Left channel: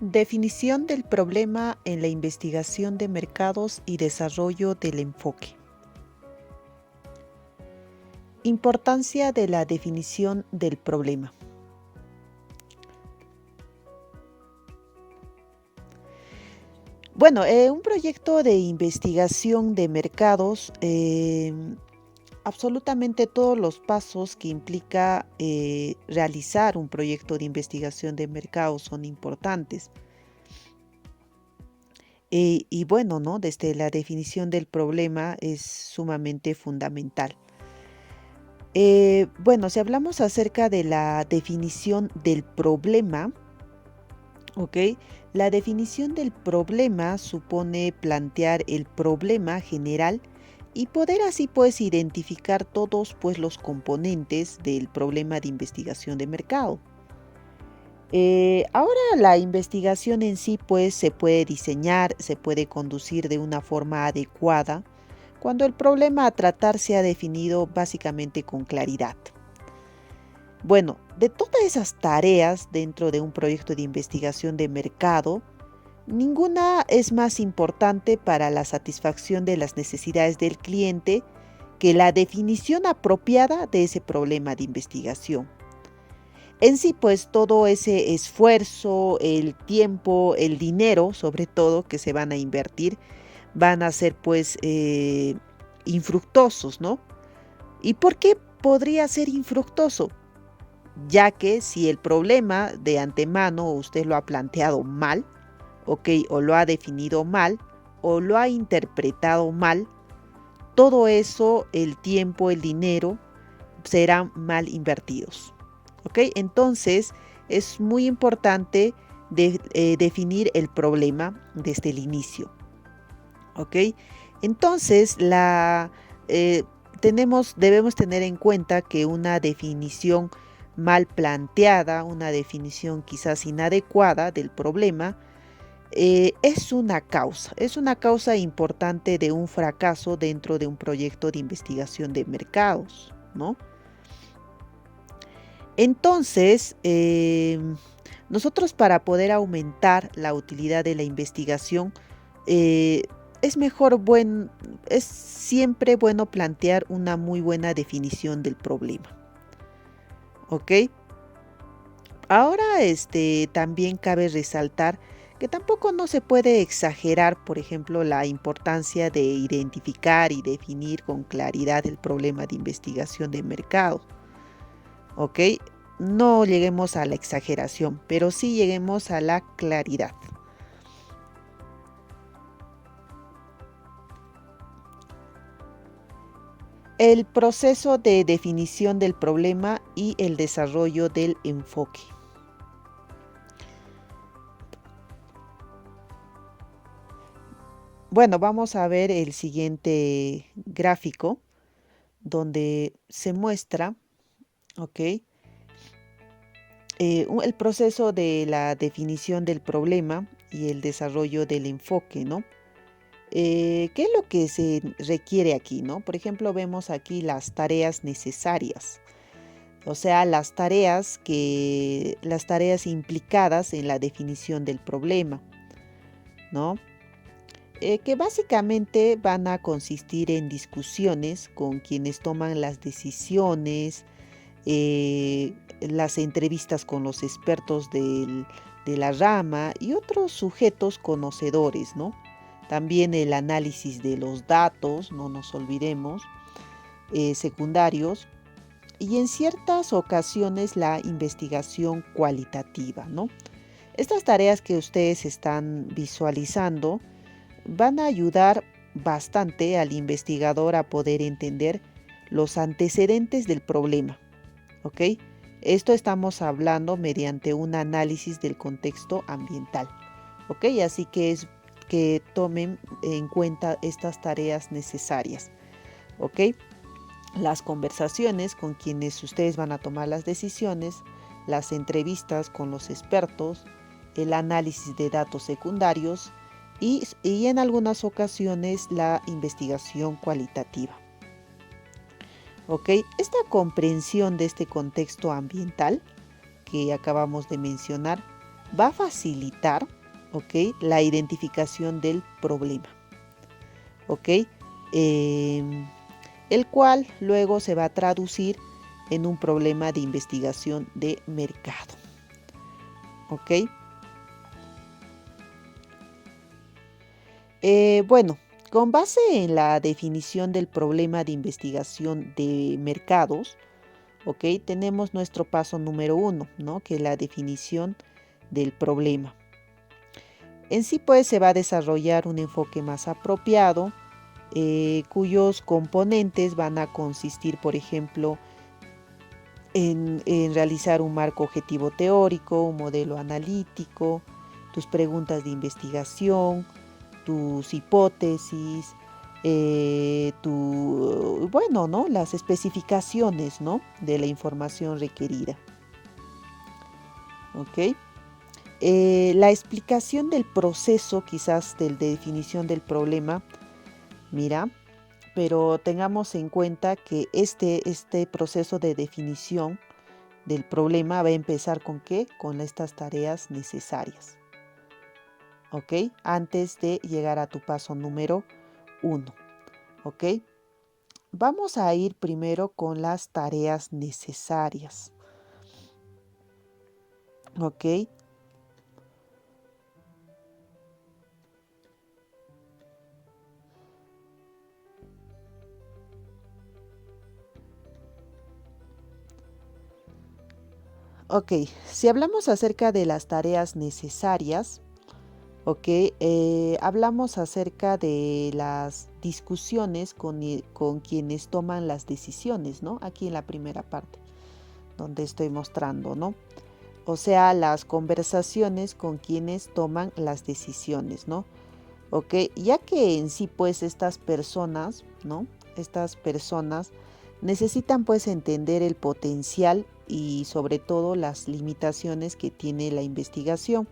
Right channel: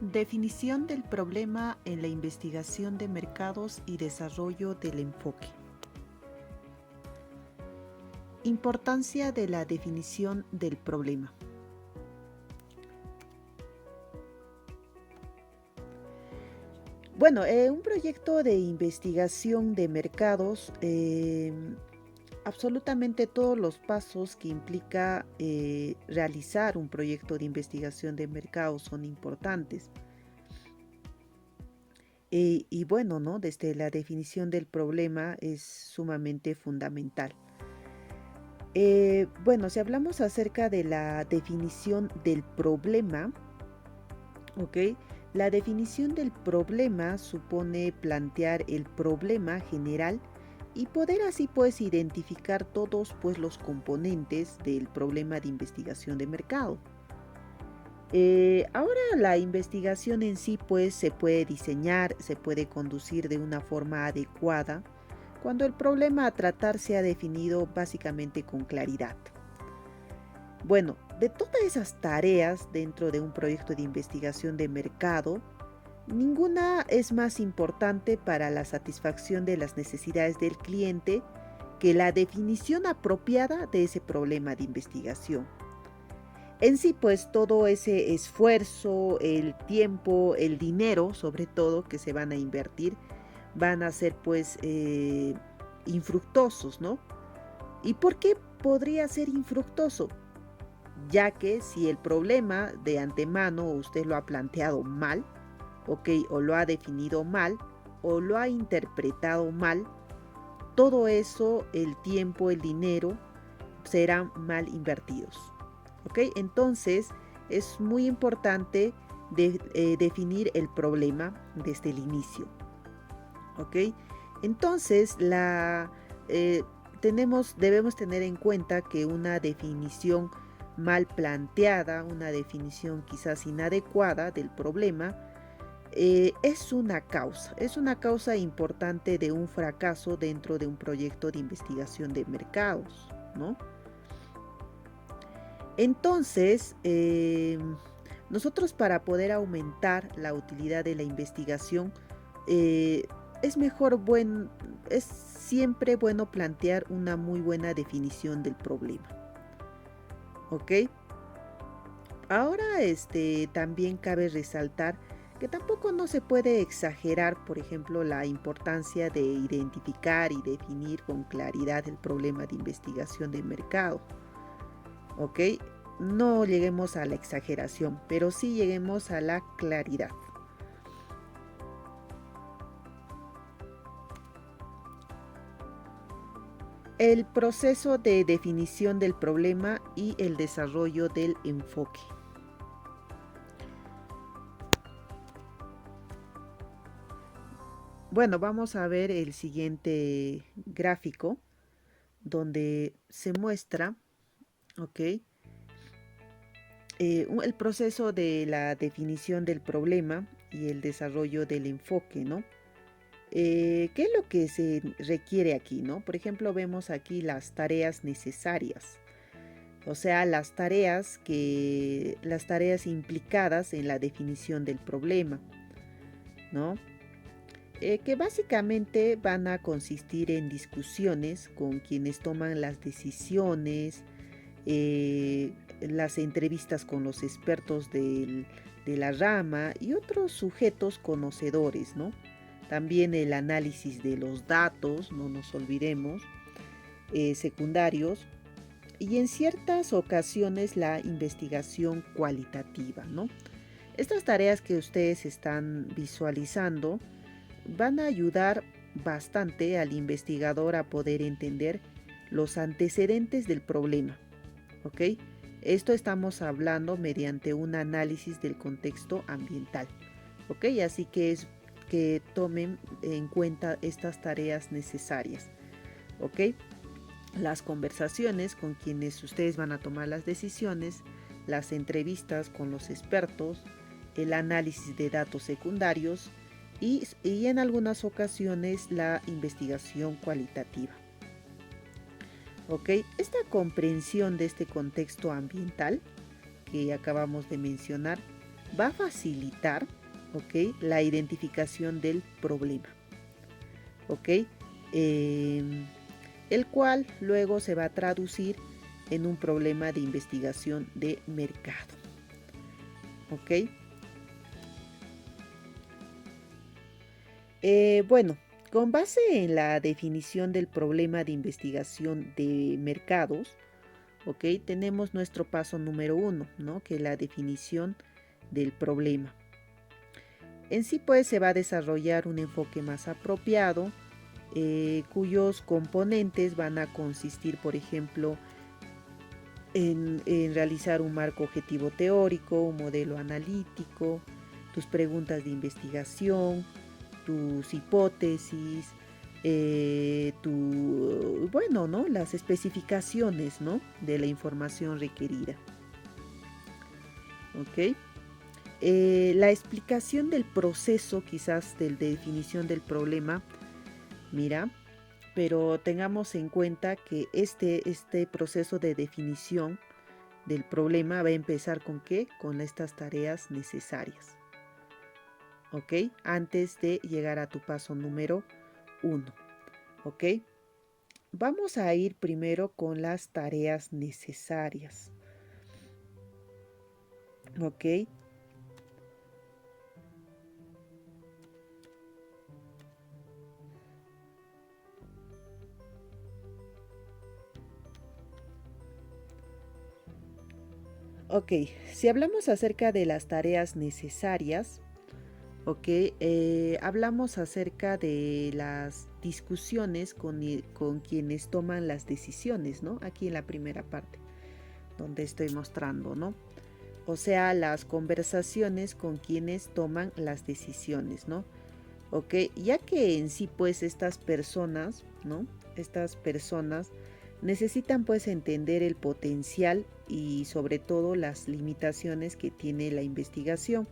Definición del problema en la investigación de mercados y desarrollo del enfoque. Importancia de la definición del problema. Bueno, un proyecto de investigación de mercados, absolutamente todos los pasos que implica realizar un proyecto de investigación de mercados son importantes. Y bueno, ¿no? Desde la definición del problema es sumamente fundamental. Bueno, si hablamos acerca de la definición del problema, ¿ok? La definición del problema supone plantear el problema general y poder así pues identificar todos pues los componentes del problema de investigación de mercado. Ahora la investigación en sí pues se puede diseñar, se puede conducir de una forma adecuada cuando el problema a tratar se ha definido básicamente con claridad. Bueno, de todas esas tareas dentro de un proyecto de investigación de mercado, ninguna es más importante para la satisfacción de las necesidades del cliente que la definición apropiada de ese problema de investigación. En sí, pues todo ese esfuerzo, el tiempo, el dinero, sobre todo, que se van a invertir, van a ser pues infructuosos, ¿no? ¿Y por qué podría ser infructuoso? Ya que si el problema de antemano usted lo ha planteado mal, ¿ok? O lo ha definido mal, o lo ha interpretado mal, todo eso, el tiempo, el dinero, serán mal invertidos. ¿Ok? Entonces, es muy importante definir el problema desde el inicio. ¿Ok? Entonces, eh, debemos tener en cuenta que una definición mal planteada, una definición quizás inadecuada del problema, es una causa importante de un fracaso dentro de un proyecto de investigación de mercados, ¿no? Entonces, nosotros para poder aumentar la utilidad de la investigación, eh, es es siempre bueno plantear una muy buena definición del problema. ¿Ok? Ahora, también cabe resaltar que tampoco no se puede exagerar, por ejemplo, la importancia de identificar y definir con claridad el problema de investigación de mercado. ¿Ok? No lleguemos a la exageración, pero sí lleguemos a la claridad. El proceso de definición del problema y el desarrollo del enfoque. Bueno, vamos a ver el siguiente gráfico donde se muestra, ¿ok? El proceso de la definición del problema y el desarrollo del enfoque, ¿no? ¿Qué es lo que se requiere aquí, no? Por ejemplo, vemos aquí las tareas necesarias, o sea, las tareas implicadas en la definición del problema, ¿no? Que básicamente van a consistir en discusiones con quienes toman las decisiones, las entrevistas con los expertos de la rama y otros sujetos conocedores, ¿no? También el análisis de los datos, no nos olvidemos, secundarios, y en ciertas ocasiones la investigación cualitativa, ¿no? Estas tareas que ustedes están visualizando van a ayudar bastante al investigador a poder entender los antecedentes del problema, ¿ok? Esto estamos hablando mediante un análisis del contexto ambiental, ¿ok? Así que es que tomen en cuenta estas tareas necesarias, ¿ok? Las conversaciones con quienes ustedes van a tomar las decisiones, las entrevistas con los expertos, el análisis de datos secundarios y en algunas ocasiones la investigación cualitativa. ¿Ok? Esta comprensión de este contexto ambiental que acabamos de mencionar va a facilitar, ¿ok?, la identificación del problema, ¿ok? El cual luego se va a traducir en un problema de investigación de mercado, ¿ok? Bueno, con base en la definición del problema de investigación de mercados, ¿ok? Tenemos nuestro paso número 1, ¿no?, que es la definición del problema. En sí, pues, se va a desarrollar un enfoque más apropiado, cuyos componentes van a consistir, por ejemplo, en realizar un marco objetivo teórico, un modelo analítico, tus preguntas de investigación, tus hipótesis, bueno, ¿no?, las especificaciones, ¿no?, de la información requerida. ¿Ok? La explicación del proceso, quizás de definición del problema, mira, pero tengamos en cuenta que este proceso de definición del problema va a empezar ¿con qué? Con estas tareas necesarias, ¿ok? Antes de llegar a tu paso número 1, ¿ok? Vamos a ir primero con las tareas necesarias, ¿ok? Ok, si hablamos acerca de las tareas necesarias, ok, hablamos acerca de las discusiones con quienes toman las decisiones, ¿no? Aquí en la primera parte, donde estoy mostrando, ¿no? O sea, las conversaciones con quienes toman las decisiones, ¿no? Ok, ya que en sí, pues, estas personas, ¿no? Estas personas necesitan, pues, entender el potencial y sobre todo las limitaciones que tiene la investigación,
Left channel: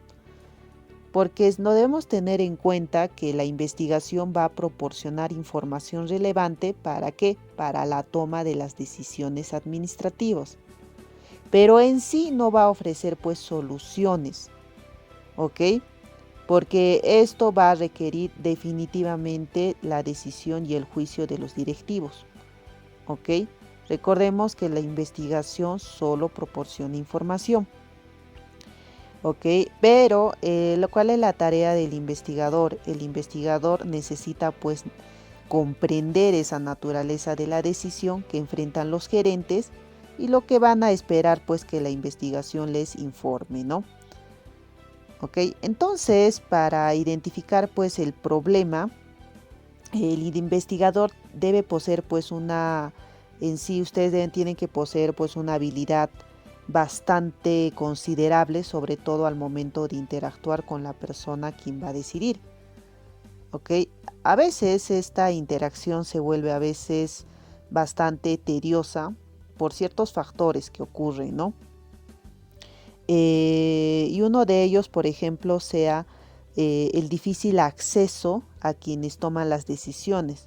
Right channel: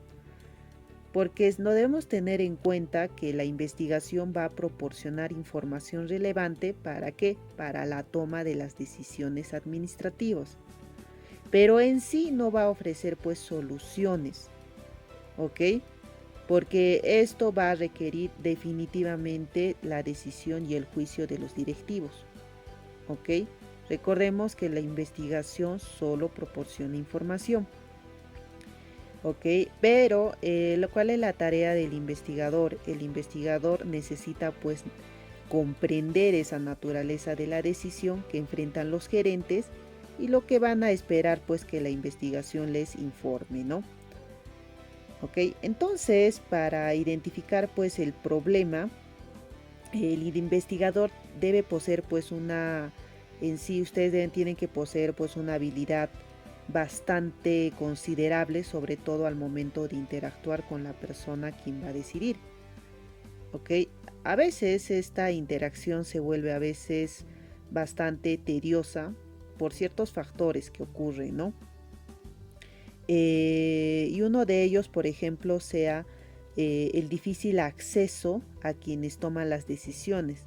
porque no debemos tener en cuenta que la investigación va a proporcionar información relevante. ¿Para qué? Para la toma de las decisiones administrativas, pero en sí no va a ofrecer, pues, soluciones, ¿ok? Porque esto va a requerir definitivamente la decisión y el juicio de los directivos, ¿ok? Recordemos que la investigación solo proporciona información, ¿ok? Pero, ¿cuál es la tarea del investigador? El investigador necesita, pues, comprender esa naturaleza de la decisión que enfrentan los gerentes y lo que van a esperar, pues, que la investigación les informe, ¿no? ¿Ok? Entonces, para identificar, pues, el problema, el investigador debe poseer, pues, en sí ustedes tienen que poseer, pues, una habilidad bastante considerable, sobre todo al momento de interactuar con la persona quien va a decidir, ¿ok? A veces esta interacción se vuelve a veces bastante tediosa por ciertos factores que ocurren, ¿no? Y uno de ellos, por ejemplo, sea el difícil acceso a quienes toman las decisiones,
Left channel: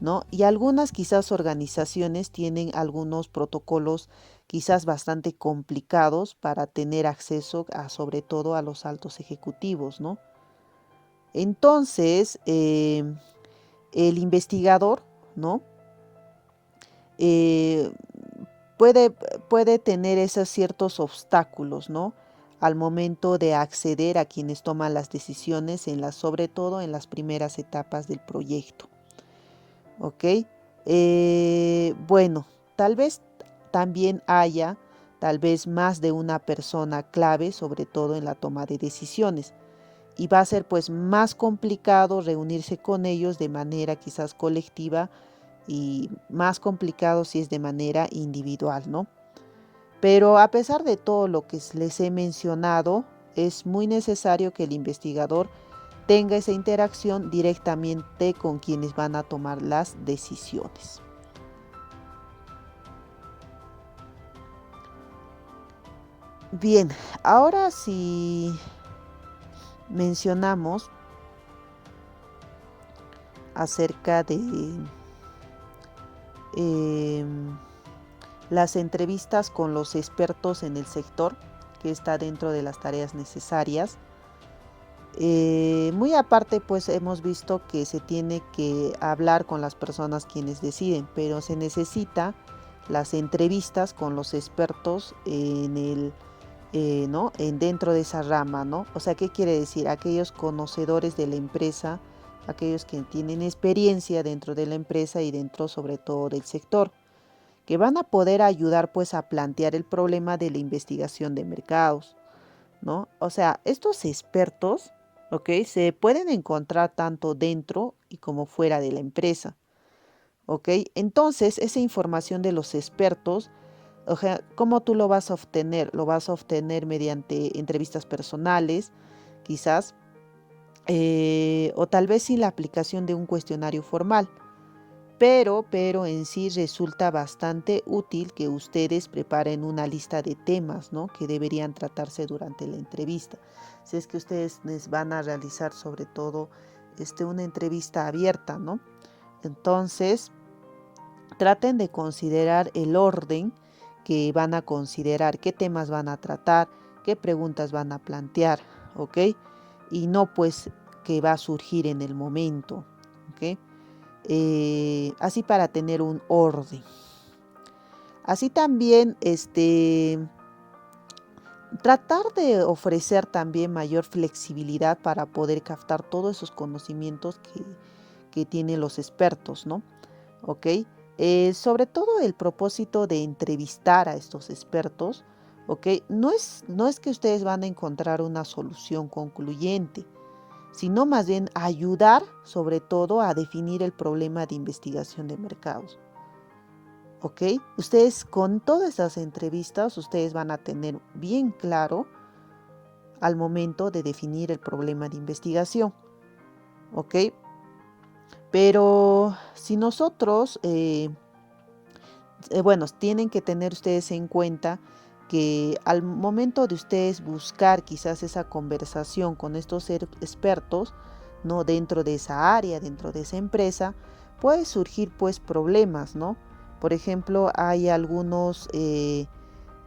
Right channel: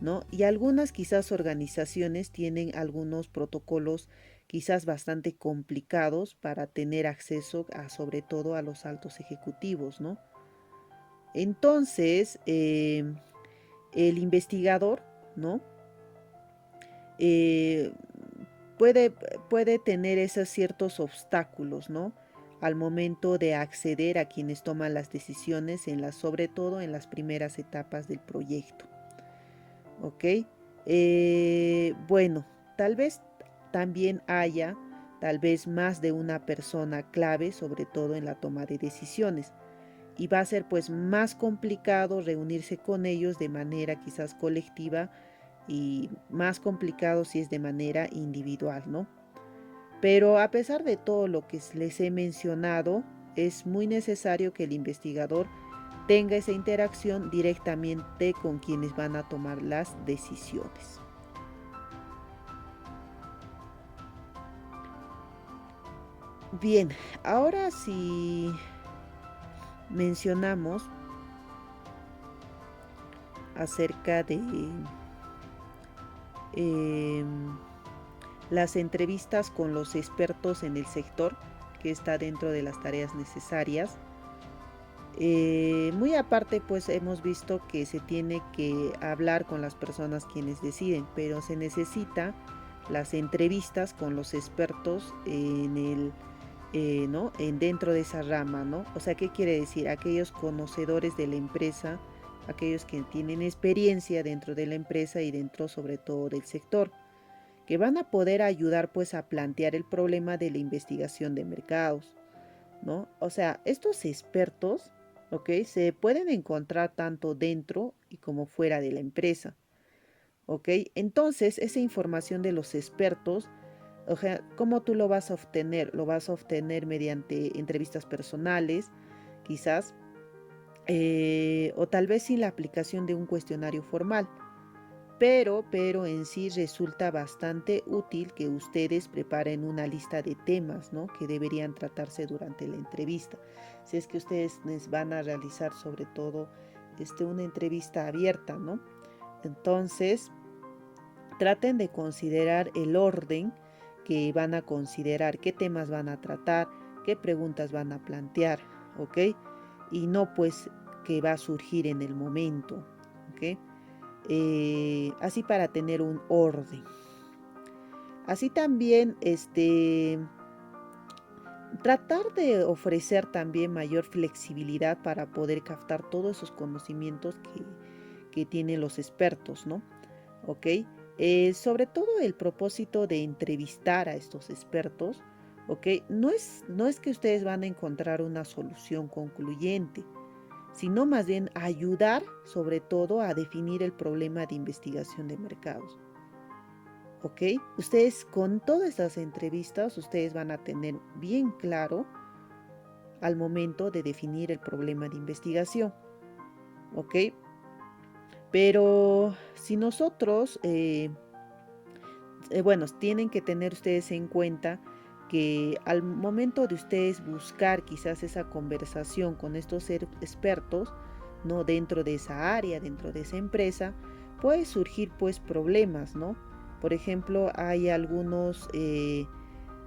¿no? Y algunas quizás organizaciones tienen algunos protocolos quizás bastante complicados para tener acceso a, sobre todo, a los altos ejecutivos, ¿no? Entonces, el investigador, ¿no? Eh, puede, puede tener esos ciertos obstáculos, ¿no?, al momento de acceder a quienes toman las decisiones, sobre todo en las primeras etapas del proyecto, ¿ok? Bueno, tal vez también haya, tal vez más de una persona clave, sobre todo en la toma de decisiones, y va a ser, pues, más complicado reunirse con ellos de manera quizás colectiva y más complicado si es de manera individual, ¿no? Pero a pesar de todo lo que les he mencionado, es muy necesario que el investigador tenga esa interacción directamente con quienes van a tomar las decisiones. Bien, ahora si mencionamos acerca de em, las entrevistas con los expertos en el sector, que está dentro de las tareas necesarias. Muy aparte, pues hemos visto que se tiene que hablar con las personas quienes deciden, pero se necesita las entrevistas con los expertos en el, ¿no? En dentro de esa rama, ¿no? O sea, ¿qué quiere decir? Aquellos conocedores de la empresa, aquellos que tienen experiencia dentro de la empresa y dentro sobre todo del sector, que van a poder ayudar pues a plantear el problema de la investigación de mercados, ¿no? O sea, estos expertos, ¿ok? Se pueden encontrar tanto dentro y como fuera de la empresa, ¿ok? Entonces, esa información de los expertos, o sea, ¿cómo tú lo vas a obtener? Lo vas a obtener mediante entrevistas personales, quizás, o tal vez sin la aplicación de un cuestionario formal. Pero en sí resulta bastante útil que ustedes preparen una lista de temas, ¿no? Que deberían tratarse durante la entrevista. Si es que ustedes les van a realizar sobre todo una entrevista abierta, ¿no? Entonces, traten de considerar el orden que van a considerar, qué temas van a tratar, qué preguntas van a plantear, ¿ok? Y no pues que va a surgir en el momento, ¿ok? Así para tener un orden. Así también, tratar de ofrecer también mayor flexibilidad para poder captar todos esos conocimientos que tienen los expertos, ¿no? ¿Ok? Sobre todo el propósito de entrevistar a estos expertos, ¿ok? No es que ustedes van a encontrar una solución concluyente, sino más bien ayudar sobre todo a definir el problema de investigación de mercados. ¿Ok? Ustedes con todas esas entrevistas, ustedes van a tener bien claro al momento de definir el problema de investigación. ¿Ok? Pero si nosotros, bueno, tienen que tener ustedes en cuenta que al momento de ustedes buscar quizás esa conversación con estos expertos, ¿no? Dentro de esa área, dentro de esa empresa, puede surgir pues problemas, ¿no? Por ejemplo, hay algunos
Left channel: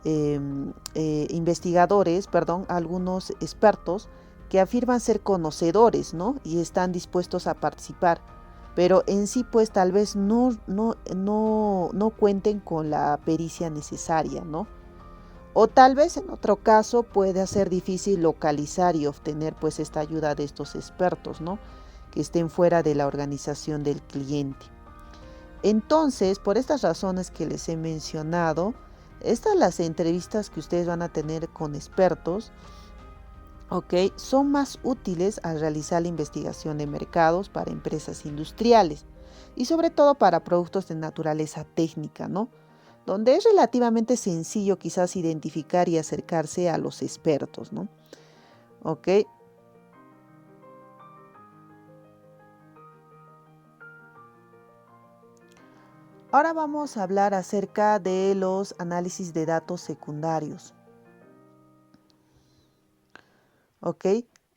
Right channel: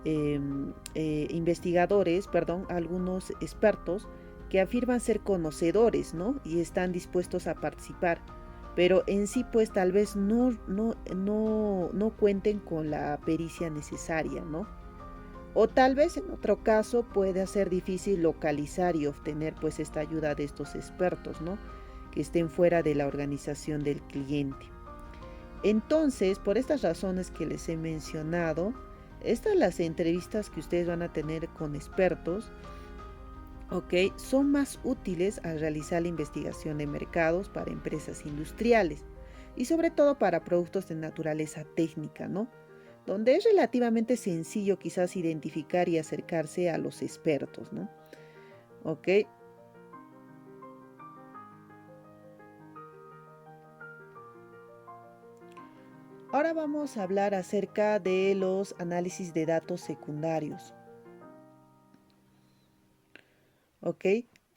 investigadores, perdón, algunos expertos que afirman ser conocedores, ¿no? Y están dispuestos a participar, pero en sí pues tal vez no cuenten con la pericia necesaria, ¿no? O tal vez en otro caso puede ser difícil localizar y obtener pues esta ayuda de estos expertos, ¿no? Que estén fuera de la organización del cliente. Entonces, por estas razones que les he mencionado, estas las entrevistas que ustedes van a tener con expertos, ¿ok? Son más útiles al realizar la investigación de mercados para empresas industriales y sobre todo para productos de naturaleza técnica, ¿no? Donde es relativamente sencillo quizás identificar y acercarse a los expertos, ¿no? ¿Ok? Ahora vamos a hablar acerca de los análisis de datos secundarios. ¿Ok?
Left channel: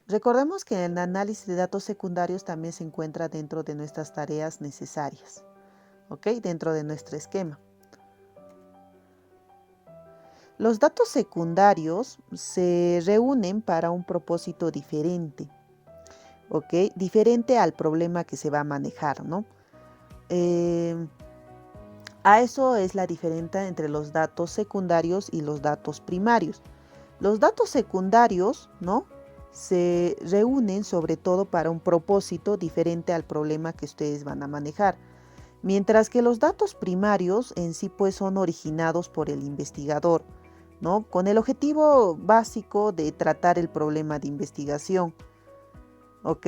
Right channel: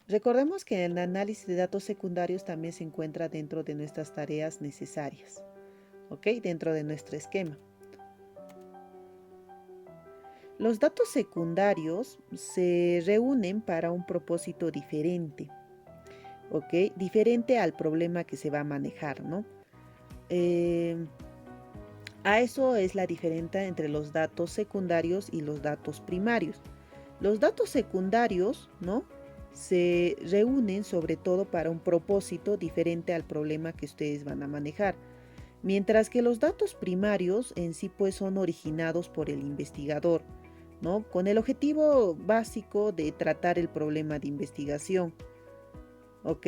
Recordemos que el análisis de datos secundarios también se encuentra dentro de nuestras tareas necesarias, ¿ok? Dentro de nuestro esquema. Los datos secundarios se reúnen para un propósito diferente, ¿ok? Diferente al problema que se va a manejar, ¿no? A eso es la diferencia entre los datos secundarios y los datos primarios. Los datos secundarios, ¿no? Se reúnen sobre todo para un propósito diferente al problema que ustedes van a manejar. Mientras que los datos primarios en sí pues son originados por el investigador, ¿no? Con el objetivo básico de tratar el problema de investigación, ¿ok?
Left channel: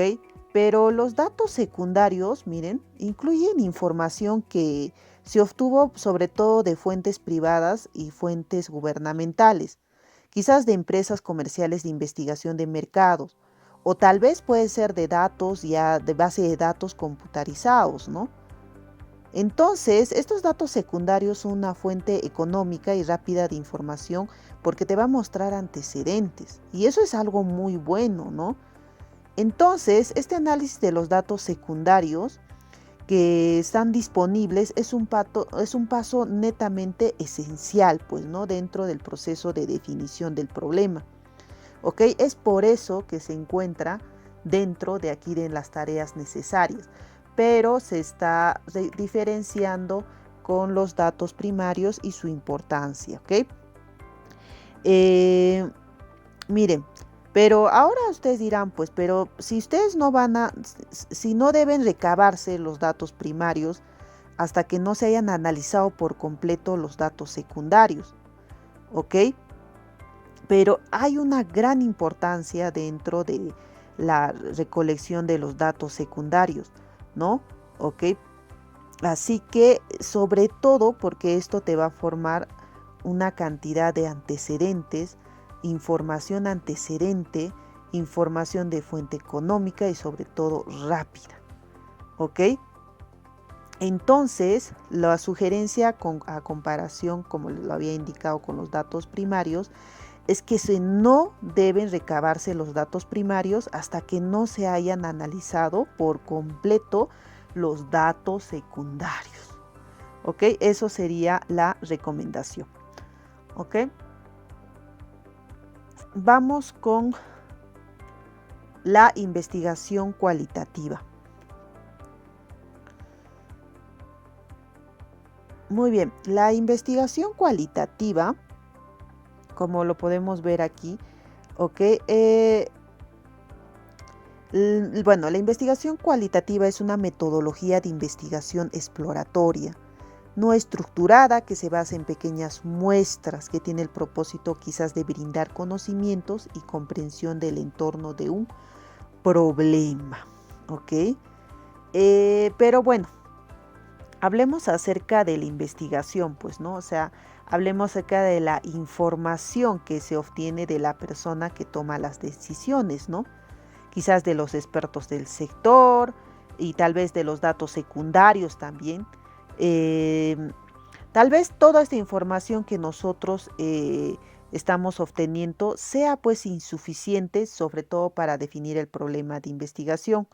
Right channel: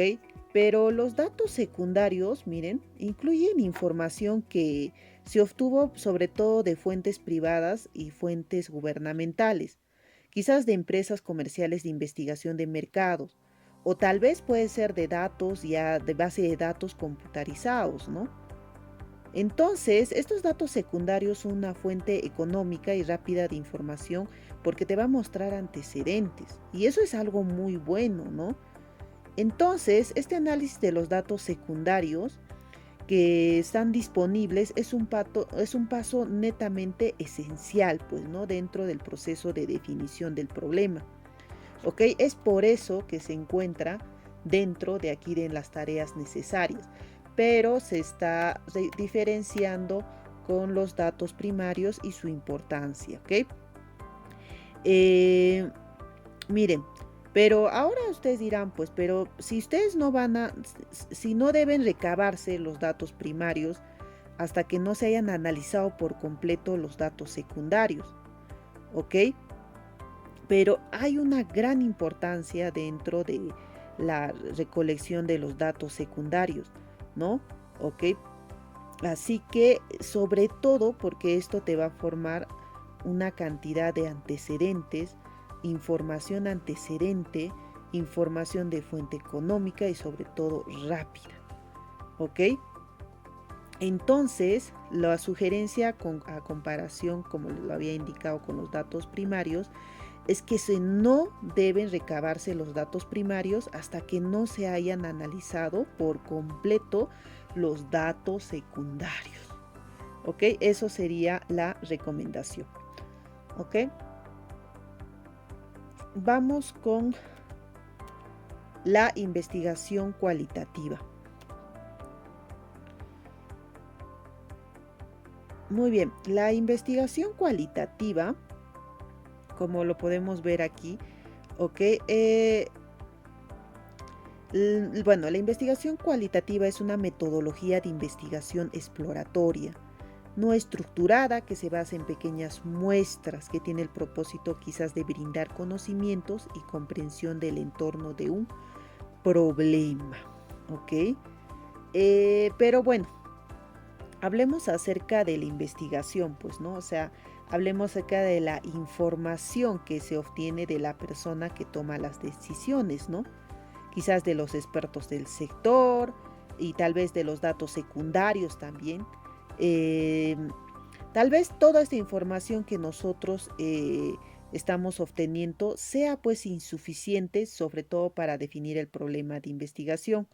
Pero los datos secundarios, miren, incluyen información que se obtuvo sobre todo de fuentes privadas y fuentes gubernamentales, quizás de empresas comerciales de investigación de mercados, o tal vez puede ser de datos ya de base de datos computarizados, ¿no? Entonces, estos datos secundarios son una fuente económica y rápida de información porque te va a mostrar antecedentes. Y eso es algo muy bueno, ¿no? Entonces, este análisis de los datos secundarios que están disponibles es un paso netamente esencial, pues, ¿no? Dentro del proceso de definición del problema. ¿Ok? Es por eso que se encuentra dentro de aquí de las tareas necesarias, pero se está diferenciando con los datos primarios y su importancia, ¿ok? Miren, pero ahora ustedes dirán, pues, pero si ustedes no si no deben recabarse los datos primarios hasta que no se hayan analizado por completo los datos secundarios, ¿ok? Pero hay una gran importancia dentro de la recolección de los datos secundarios, ¿no? ¿Ok? Así que sobre todo porque esto te va a formar una cantidad de antecedentes, información antecedente, información de fuente económica y sobre todo rápida, ¿ok? Entonces, la sugerencia a comparación, como lo había indicado con los datos primarios, es que no deben recabarse los datos primarios hasta que no se hayan analizado por completo los datos secundarios. ¿Ok? Eso sería la recomendación. ¿Ok? Vamos con la investigación cualitativa. Muy bien, la investigación cualitativa, como lo podemos ver aquí, ¿ok? Bueno, la investigación cualitativa es una metodología de investigación exploratoria, no estructurada, que se basa en pequeñas muestras, que tiene el propósito quizás de brindar conocimientos y comprensión del entorno de un problema, ¿ok? Pero bueno, hablemos acerca de la investigación, pues, ¿no? O sea, hablemos acerca de la información que se obtiene de la persona que toma las decisiones, ¿no? Quizás de los expertos del sector y tal vez de los datos secundarios también. Tal vez toda esta información que nosotros estamos obteniendo sea pues insuficiente, sobre todo para definir el problema de investigación,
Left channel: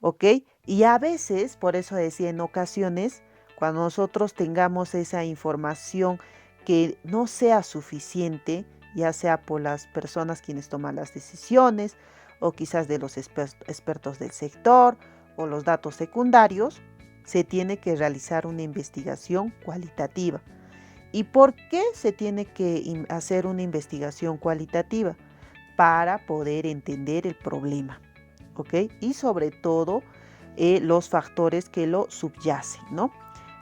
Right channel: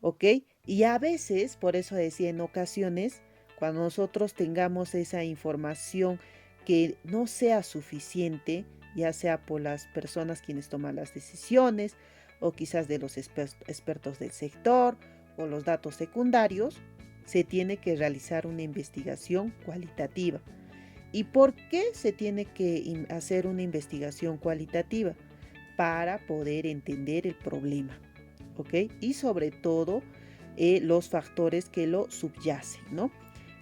¿ok? Y a veces, por eso decía en ocasiones, cuando nosotros tengamos esa información que no sea suficiente, ya sea por las personas quienes toman las decisiones, o quizás de los expertos del sector, o los datos secundarios, se tiene que realizar una investigación cualitativa. ¿Y por qué se tiene que hacer una investigación cualitativa? Para poder entender el problema, ¿ok? Y sobre todo los factores que lo subyacen, ¿no?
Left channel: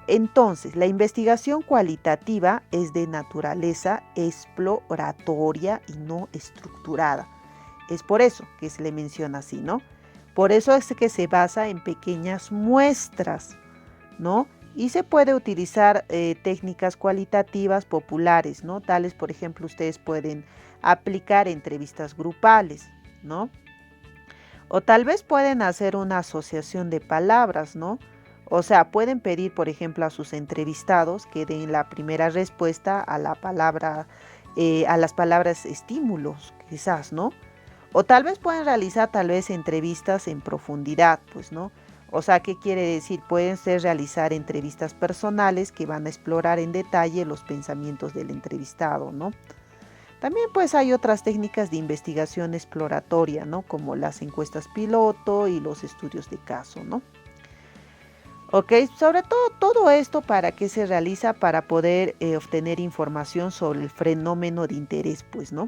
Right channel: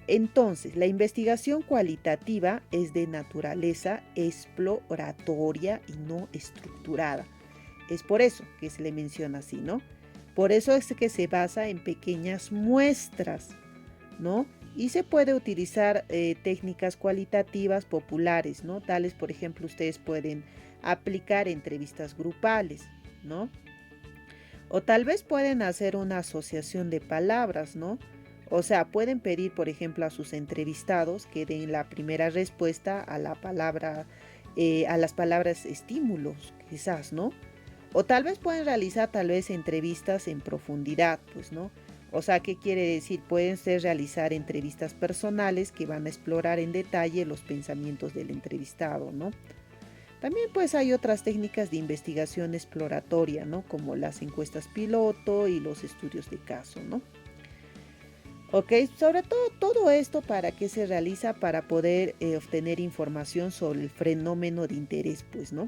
Entonces, la investigación cualitativa es de naturaleza exploratoria y no estructurada. Es por eso que se le menciona así, ¿no? Por eso es que se basa en pequeñas muestras, ¿no? Y se puede utilizar técnicas cualitativas populares, ¿no? Tales, por ejemplo, ustedes pueden aplicar entrevistas grupales, ¿no? O tal vez pueden hacer una asociación de palabras, ¿no? O sea, pueden pedir, por ejemplo, a sus entrevistados que den la primera respuesta a la palabra, a las palabras estímulos, quizás, ¿no? O tal vez pueden realizar tal vez entrevistas en profundidad, pues, ¿no? O sea, ¿qué quiere decir? Pueden ser realizar entrevistas personales que van a explorar en detalle los pensamientos del entrevistado, ¿no? También pues hay otras técnicas de investigación exploratoria, ¿no? Como las encuestas piloto y los estudios de caso, ¿no? Ok, sobre todo esto para qué se realiza para poder obtener información sobre el fenómeno de interés, pues, ¿no?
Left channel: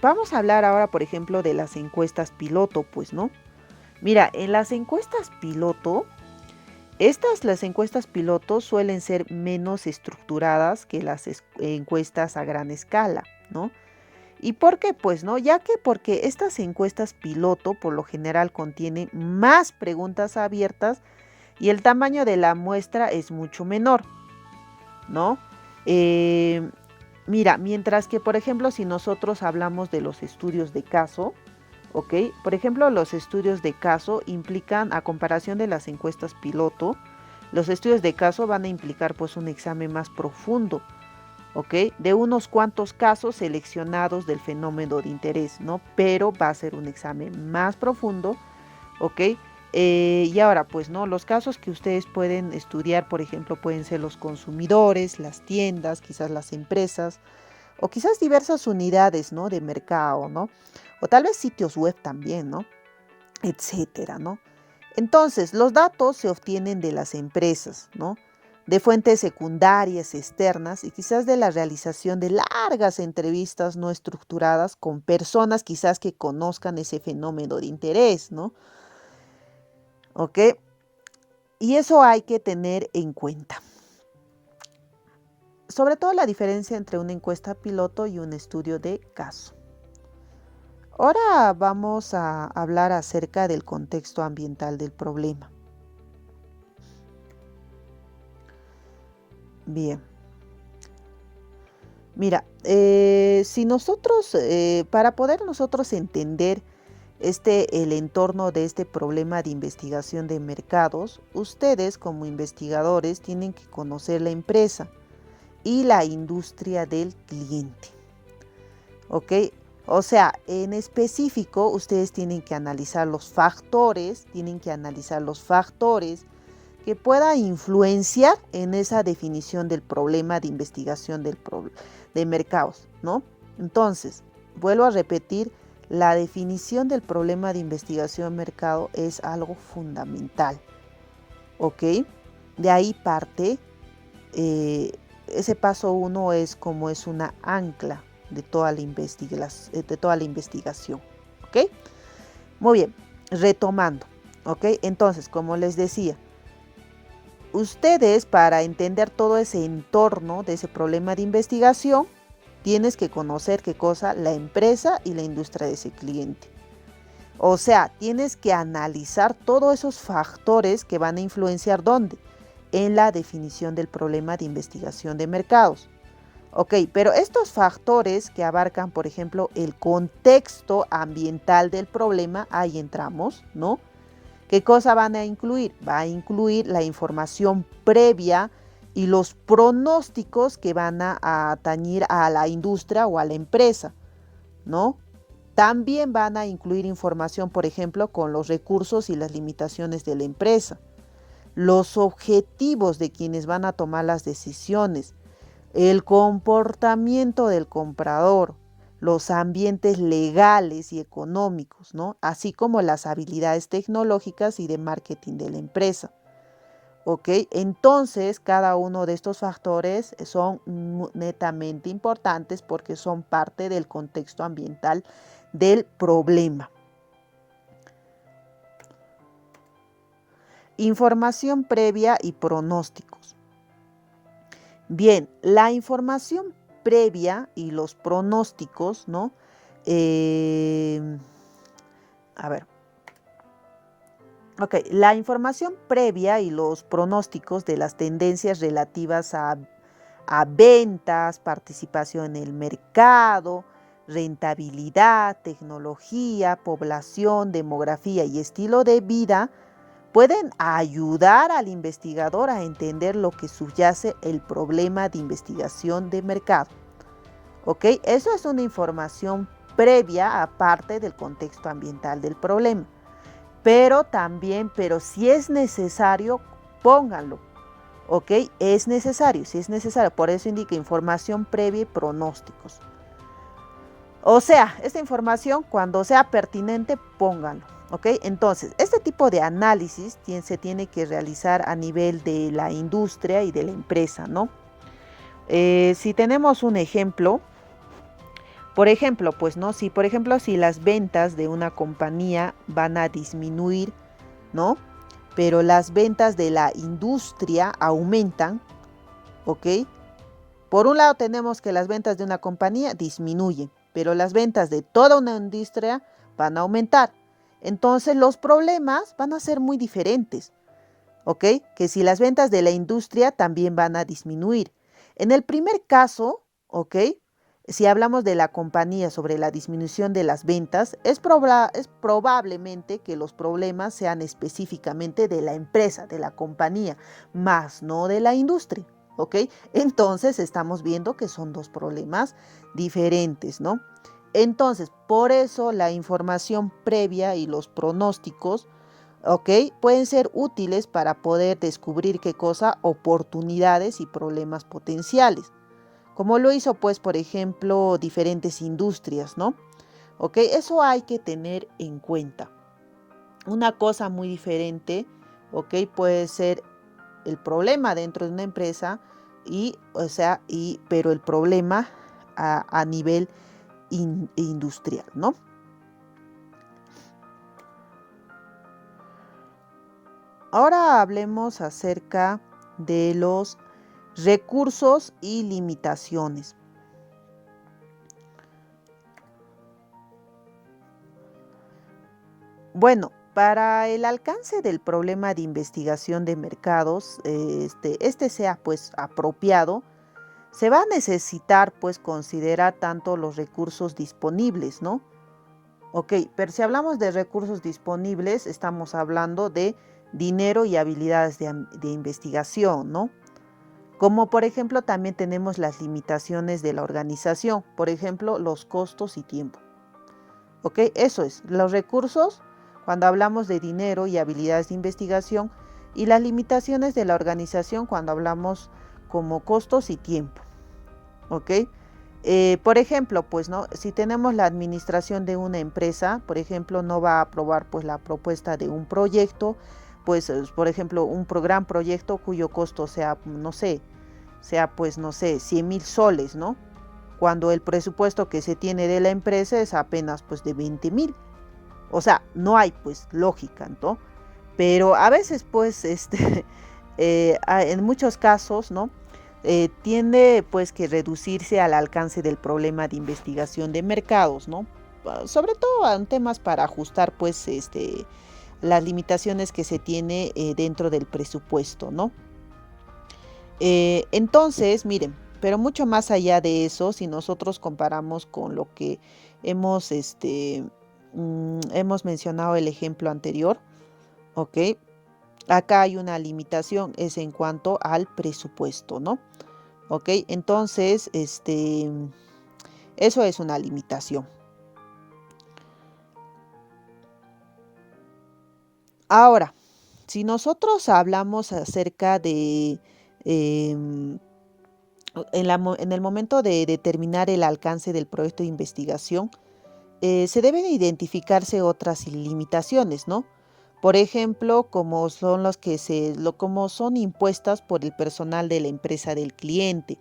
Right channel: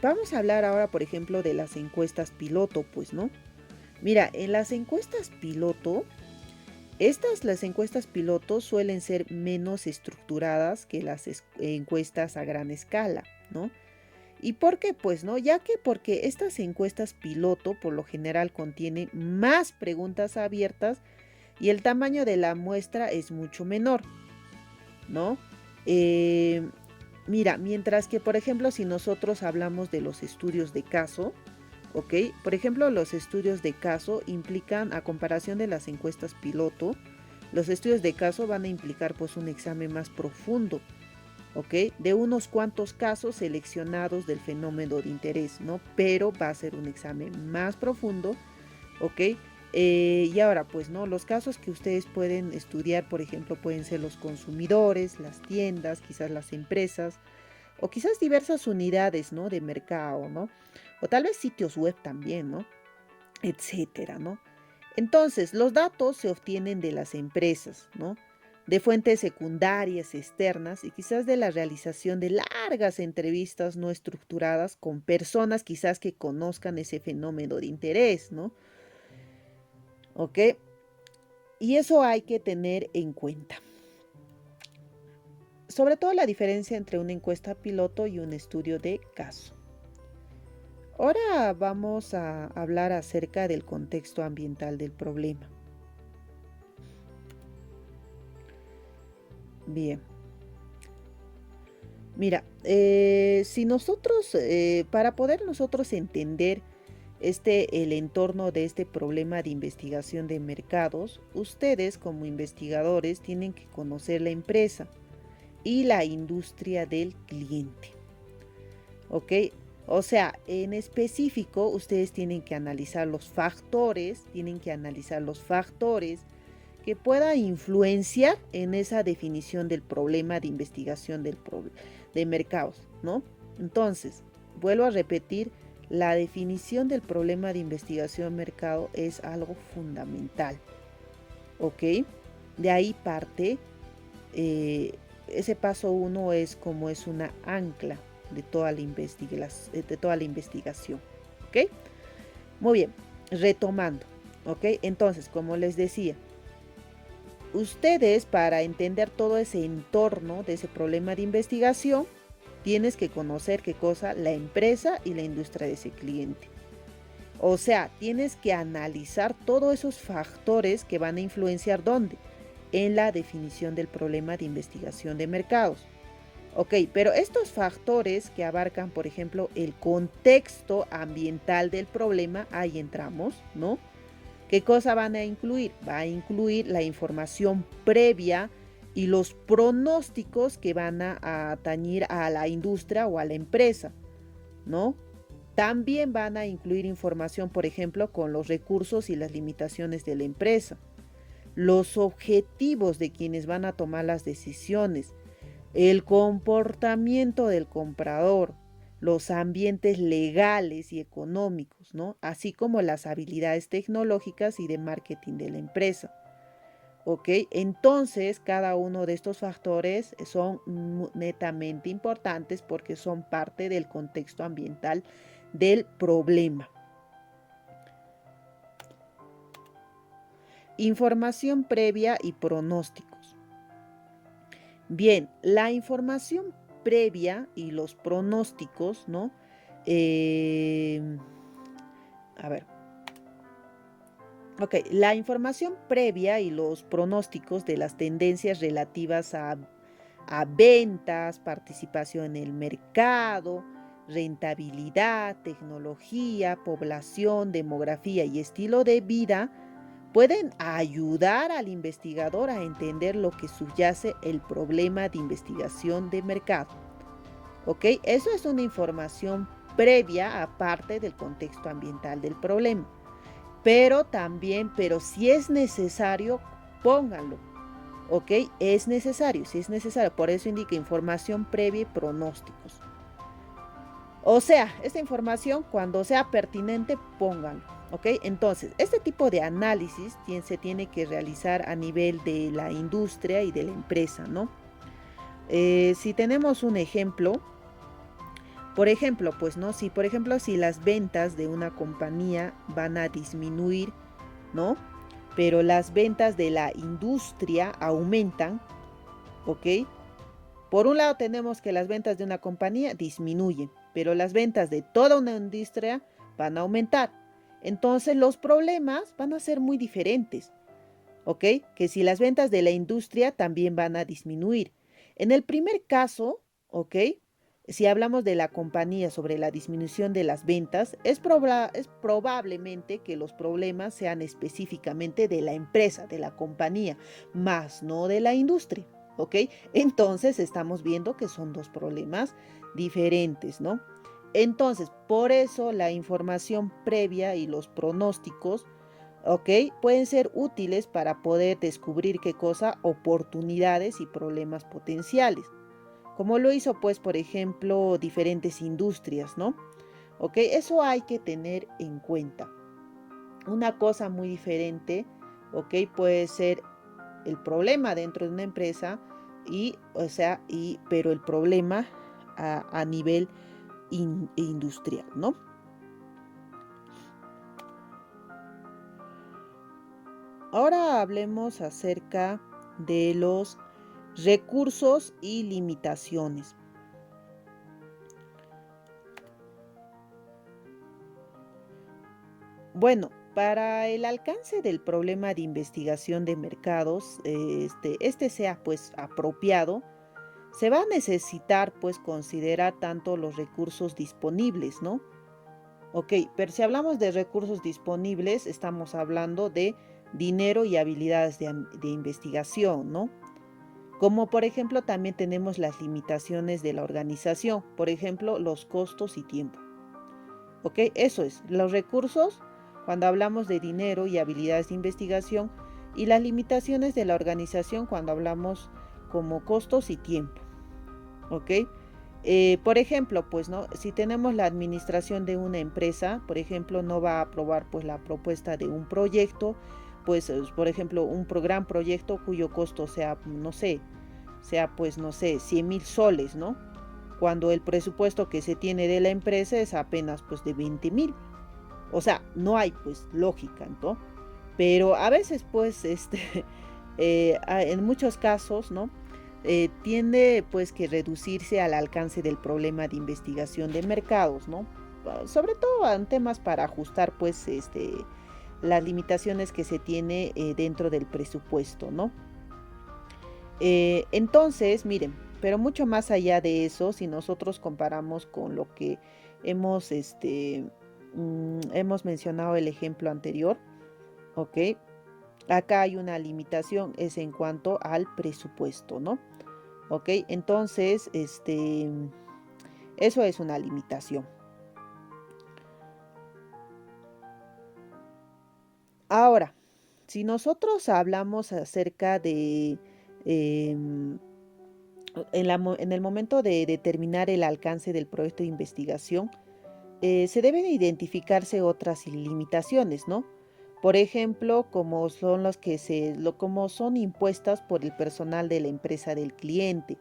Vamos a hablar ahora, por ejemplo, de las encuestas piloto, pues, ¿no? Mira, en las encuestas piloto, las encuestas piloto suelen ser menos estructuradas que las encuestas a gran escala, ¿no? ¿Y por qué? Pues, ¿no? Ya que porque estas encuestas piloto por lo general contienen más preguntas abiertas y el tamaño de la muestra es mucho menor, ¿no? Mira, mientras que, por ejemplo, si nosotros hablamos de los estudios de caso, ¿ok? Por ejemplo, los estudios de caso implican, a comparación de las encuestas piloto, los estudios de caso van a implicar pues un examen más profundo, ¿ok? De unos cuantos casos seleccionados del fenómeno de interés, ¿no? Pero va a ser un examen más profundo, ¿ok? Y ahora, pues, ¿no? Los casos que ustedes pueden estudiar, por ejemplo, pueden ser los consumidores, las tiendas, quizás las empresas, o quizás diversas unidades, ¿no? De mercado, ¿no? O tal vez sitios web también, ¿no? Etcétera, ¿no? Entonces, los datos se obtienen de las empresas, ¿no? De fuentes secundarias, externas y quizás de la realización de largas entrevistas no estructuradas con personas quizás que conozcan ese fenómeno de interés, ¿no? ¿Ok? Y eso hay que tener en cuenta. Sobre todo la diferencia entre una encuesta piloto y un estudio de caso. Ahora vamos a hablar acerca del contexto ambiental del problema. Bien. Mira, si nosotros, para poder nosotros entender el entorno de este problema de investigación de mercados, ustedes como investigadores tienen que conocer la empresa y la industria del cliente. ¿Ok? O sea, en específico, ustedes tienen que analizar los factores que pueda influenciar en esa definición del problema de investigación de mercados, ¿no? Entonces, vuelvo a repetir, la definición del problema de investigación de mercado es algo fundamental, ¿ok? De ahí parte, ese paso 1 es como es una ancla de toda la investigación, ¿ok? Muy bien, retomando, ¿ok? Entonces, como les decía, ustedes, para entender todo ese entorno de ese problema de investigación, tienes que conocer qué cosa, la empresa y la industria de ese cliente. O sea, tienes que analizar todos esos factores que van a influenciar ¿dónde? En la definición del problema de investigación de mercados. Ok, pero estos factores que abarcan, por ejemplo, el contexto ambiental del problema, ahí entramos, ¿no? ¿Qué cosa van a incluir? Va a incluir la información previa y los pronósticos que van a atañir a la industria o a la empresa, ¿no? También van a incluir información, por ejemplo, con los recursos y las limitaciones de la empresa, los objetivos de quienes van a tomar las decisiones, el comportamiento del comprador, los ambientes legales y económicos, ¿no? Así como las habilidades tecnológicas y de marketing de la empresa. ¿Ok? Entonces, cada uno de estos factores son netamente importantes porque son parte del contexto ambiental del problema. Información previa y pronósticos. Bien, la información previa y los pronósticos, ¿no? A ver. Ok, la información previa y los pronósticos de las tendencias relativas a ventas, participación en el mercado, rentabilidad, tecnología, población, demografía y estilo de vida pueden ayudar al investigador a entender lo que subyace el problema de investigación de mercado. ¿Ok? Eso es una información previa aparte del contexto ambiental del problema. Pero si es necesario, pónganlo. ¿Ok? Es necesario, si es necesario. Por eso indica información previa y pronósticos. O sea, esta información, cuando sea pertinente, pónganlo. ¿Ok? Entonces, este tipo de análisis se tiene que realizar a nivel de la industria y de la empresa, ¿no? Si tenemos un ejemplo, por ejemplo, pues, ¿no? Si las ventas de una compañía van a disminuir, ¿no? Pero las ventas de la industria aumentan, ¿ok? Por un lado tenemos que las ventas de una compañía disminuyen, pero las ventas de toda una industria van a aumentar. Entonces los problemas van a ser muy diferentes, ¿ok? Que si las ventas de la industria también van a disminuir. En el primer caso, ¿ok? Si hablamos de la compañía sobre la disminución de las ventas, es probablemente que los problemas sean específicamente de la empresa, de la compañía, más no de la industria. ¿ok? Entonces estamos viendo que son dos problemas diferentes, ¿no? Entonces, por eso la información previa y los pronósticos, ¿ok? Pueden ser útiles para poder descubrir qué cosa, oportunidades y problemas potenciales, como lo hizo, pues, por ejemplo, diferentes industrias, ¿no? ¿Ok? Eso hay que tener en cuenta. Una cosa muy diferente, ¿ok? Puede ser el problema dentro de una empresa pero el problema a nivel industrial, ¿no? Ahora hablemos acerca de los recursos y limitaciones. Bueno, para el alcance del problema de investigación de mercados, este sea pues apropiado, se va a necesitar pues considerar tanto los recursos disponibles, ¿no? Ok, pero si hablamos de recursos disponibles, estamos hablando de dinero y habilidades de investigación, ¿no? Como por ejemplo también tenemos las limitaciones de la organización, por ejemplo los costos y tiempo. Ok, eso es, los recursos cuando hablamos de dinero y habilidades de investigación y las limitaciones de la organización cuando hablamos como costos y tiempo. Ok, por ejemplo, pues no, si tenemos la administración de una empresa, por ejemplo, no va a aprobar pues la propuesta de un proyecto, pues por ejemplo, un gran proyecto cuyo costo sea, no sé, pues no sé, 100,000 soles, ¿no? Cuando el presupuesto que se tiene de la empresa es apenas pues de 20,000. O sea, no hay pues lógica, ¿no? Pero a veces pues en muchos casos, ¿no? Tiende pues que reducirse al alcance del problema de investigación de mercados, ¿no? Sobre todo en temas para ajustar pues las limitaciones que se tiene dentro del presupuesto, ¿no? Entonces, miren, pero mucho más allá de eso, si nosotros comparamos con lo que hemos, hemos mencionado el ejemplo anterior, ¿ok? Acá hay una limitación, es en cuanto al presupuesto, ¿no? ¿Ok? Entonces, eso es una limitación. Ahora, si nosotros hablamos acerca de, em, en el momento de determinar el alcance del proyecto de investigación, se deben identificarse otras limitaciones, ¿no? Por ejemplo, como son como son impuestas por el personal de la empresa del cliente,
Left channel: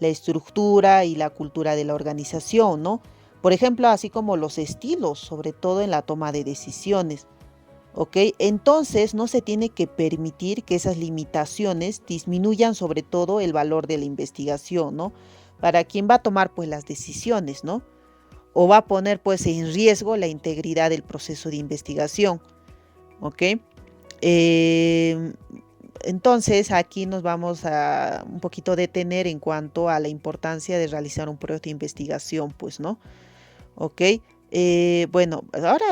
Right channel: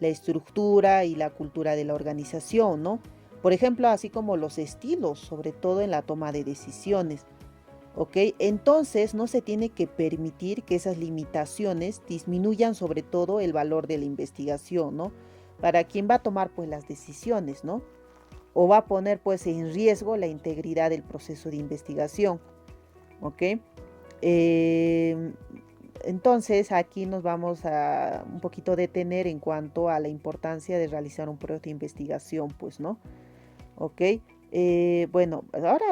la estructura y la cultura de la organización, ¿no? Por ejemplo, así como los estilos, sobre todo en la toma de decisiones. ¿Ok? Entonces no se tiene que permitir que esas limitaciones disminuyan sobre todo el valor de la investigación, ¿no? Para quien va a tomar pues las decisiones, ¿no? O va a poner pues en riesgo la integridad del proceso de investigación, ¿ok? Eh, entonces aquí nos vamos a un poquito detener en cuanto a la importancia de realizar un proyecto de investigación, pues, ¿no? ¿Ok? Bueno, ahora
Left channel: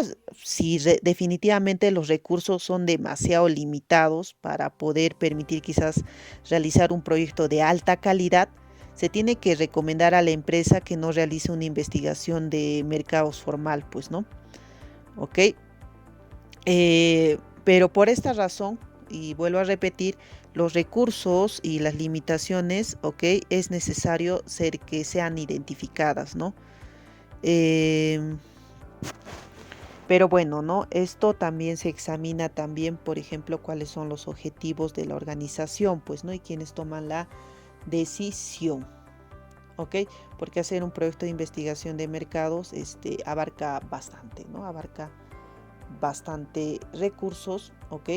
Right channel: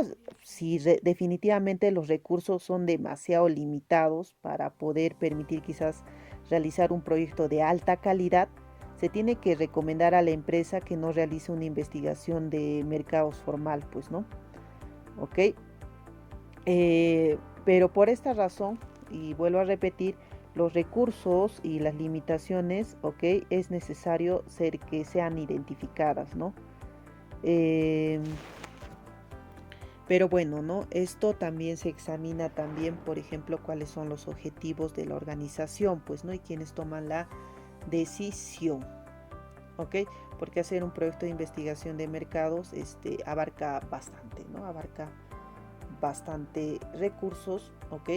si definitivamente los recursos son demasiado limitados para poder permitir quizás realizar un proyecto de alta calidad, se tiene que recomendar a la empresa que no realice una investigación de mercados formal, pues, ¿no? ¿Ok? Pero por esta razón, y vuelvo a repetir, los recursos y las limitaciones, ¿ok? Es necesario que sean identificadas, ¿no? Eh, pero bueno, ¿no? Esto también se examina también, por ejemplo, cuáles son los objetivos de la organización, pues, ¿no? Y quienes toman la decisión, ¿ok? Porque hacer un proyecto de investigación de mercados, abarca bastante, ¿no? Abarca bastante recursos, ¿ok?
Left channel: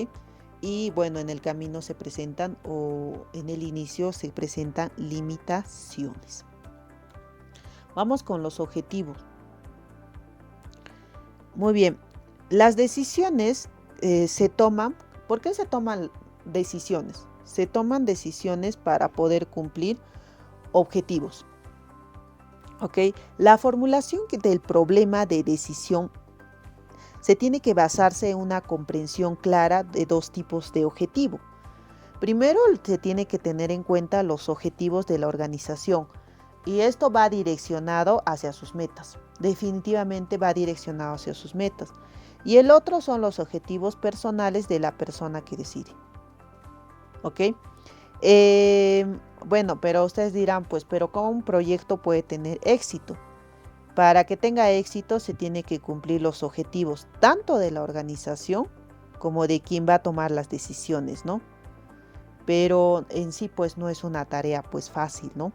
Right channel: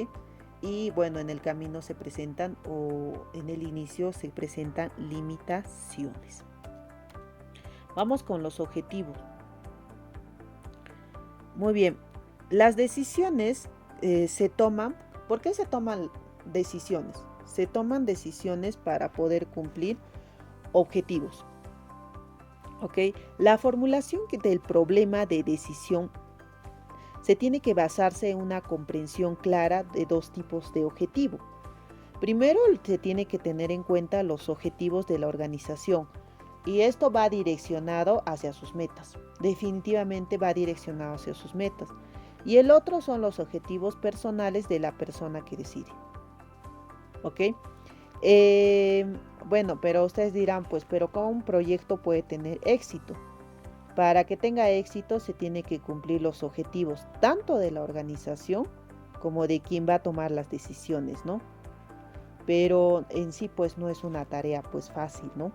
Y bueno, en el camino se presentan o en el inicio se presentan limitaciones. Vamos con los objetivos. Muy bien, las decisiones se toman. ¿Por qué se toman decisiones? Se toman decisiones para poder cumplir objetivos. ¿Ok? La formulación del problema de decisión se tiene que basarse en una comprensión clara de dos tipos de objetivo. Primero se tiene que tener en cuenta los objetivos de la organización y esto va direccionado hacia sus metas. Definitivamente va direccionado hacia sus metas. Y el otro son los objetivos personales de la persona que decide. ¿Ok? Bueno, pero ustedes dirán, pues, pero ¿cómo un proyecto puede tener éxito? Para que tenga éxito se tiene que cumplir los objetivos tanto de la organización como de quien va a tomar las decisiones, ¿no? Pero en sí pues no es una tarea pues fácil, ¿no?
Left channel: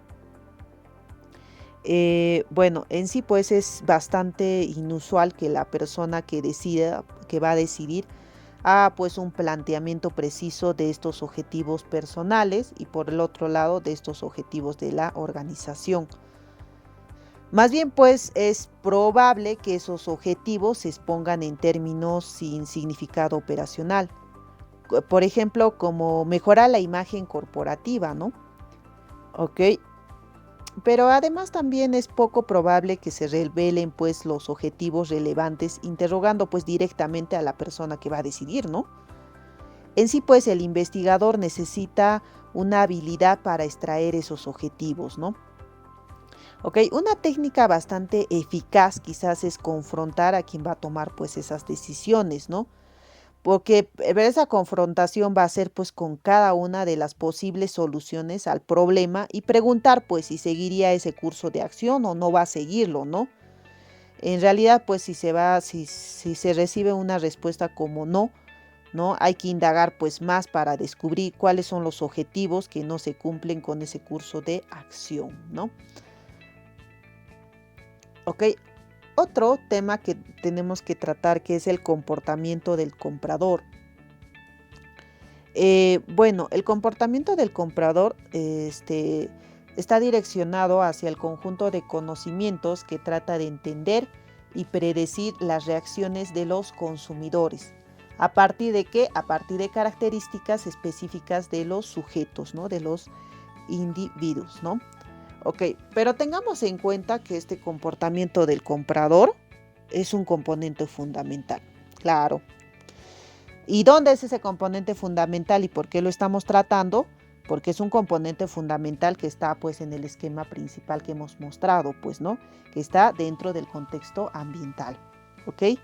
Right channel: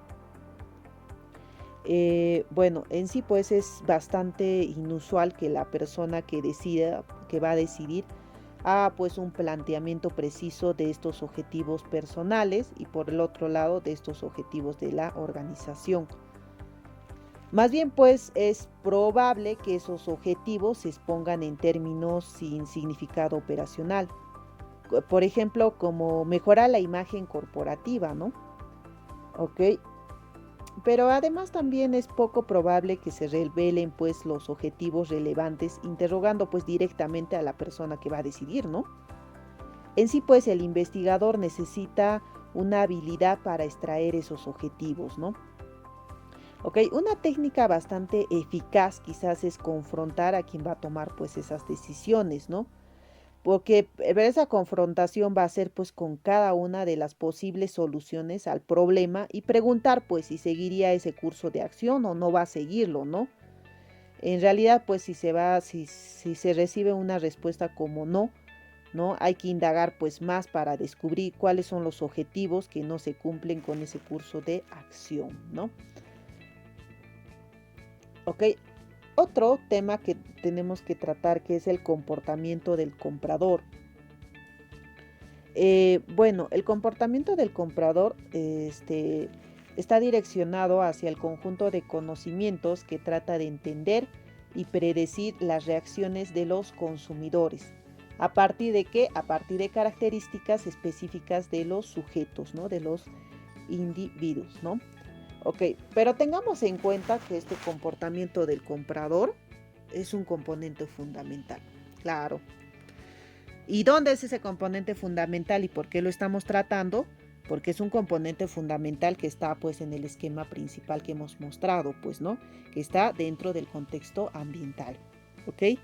Bueno, en sí pues es bastante inusual que la persona que decida, que va a decidir, haga pues un planteamiento preciso de estos objetivos personales y por el otro lado de estos objetivos de la organización. Más bien, pues es probable que esos objetivos se expongan en términos sin significado operacional. Por ejemplo, como mejorar la imagen corporativa, ¿no? Ok. Pero además también es poco probable que se revelen pues los objetivos relevantes interrogando pues directamente a la persona que va a decidir, ¿no? En sí pues el investigador necesita una habilidad para extraer esos objetivos, ¿no? Ok, una técnica bastante eficaz quizás es confrontar a quien va a tomar pues esas decisiones, ¿no? Porque esa confrontación va a ser pues con cada una de las posibles soluciones al problema y preguntar pues si seguiría ese curso de acción o no va a seguirlo, ¿no? En realidad pues si se recibe una respuesta como no, ¿no? Hay que indagar pues más para descubrir cuáles son los objetivos que no se cumplen con ese curso de acción, ¿no? Ok, otro tema que tenemos que tratar que es el comportamiento del comprador. Bueno, el comportamiento del comprador está direccionado hacia el conjunto de conocimientos que trata de entender y predecir las reacciones de los consumidores. ¿A partir de qué? A partir de características específicas de los sujetos, ¿no? De los individuos, ¿no? Ok, pero tengamos en cuenta que este comportamiento del comprador es un componente fundamental. Claro. ¿Y dónde es ese componente fundamental y por qué lo estamos tratando? Porque es un componente fundamental que está pues en el esquema principal que hemos mostrado, pues, ¿no? Que está dentro del contexto ambiental, ¿ok?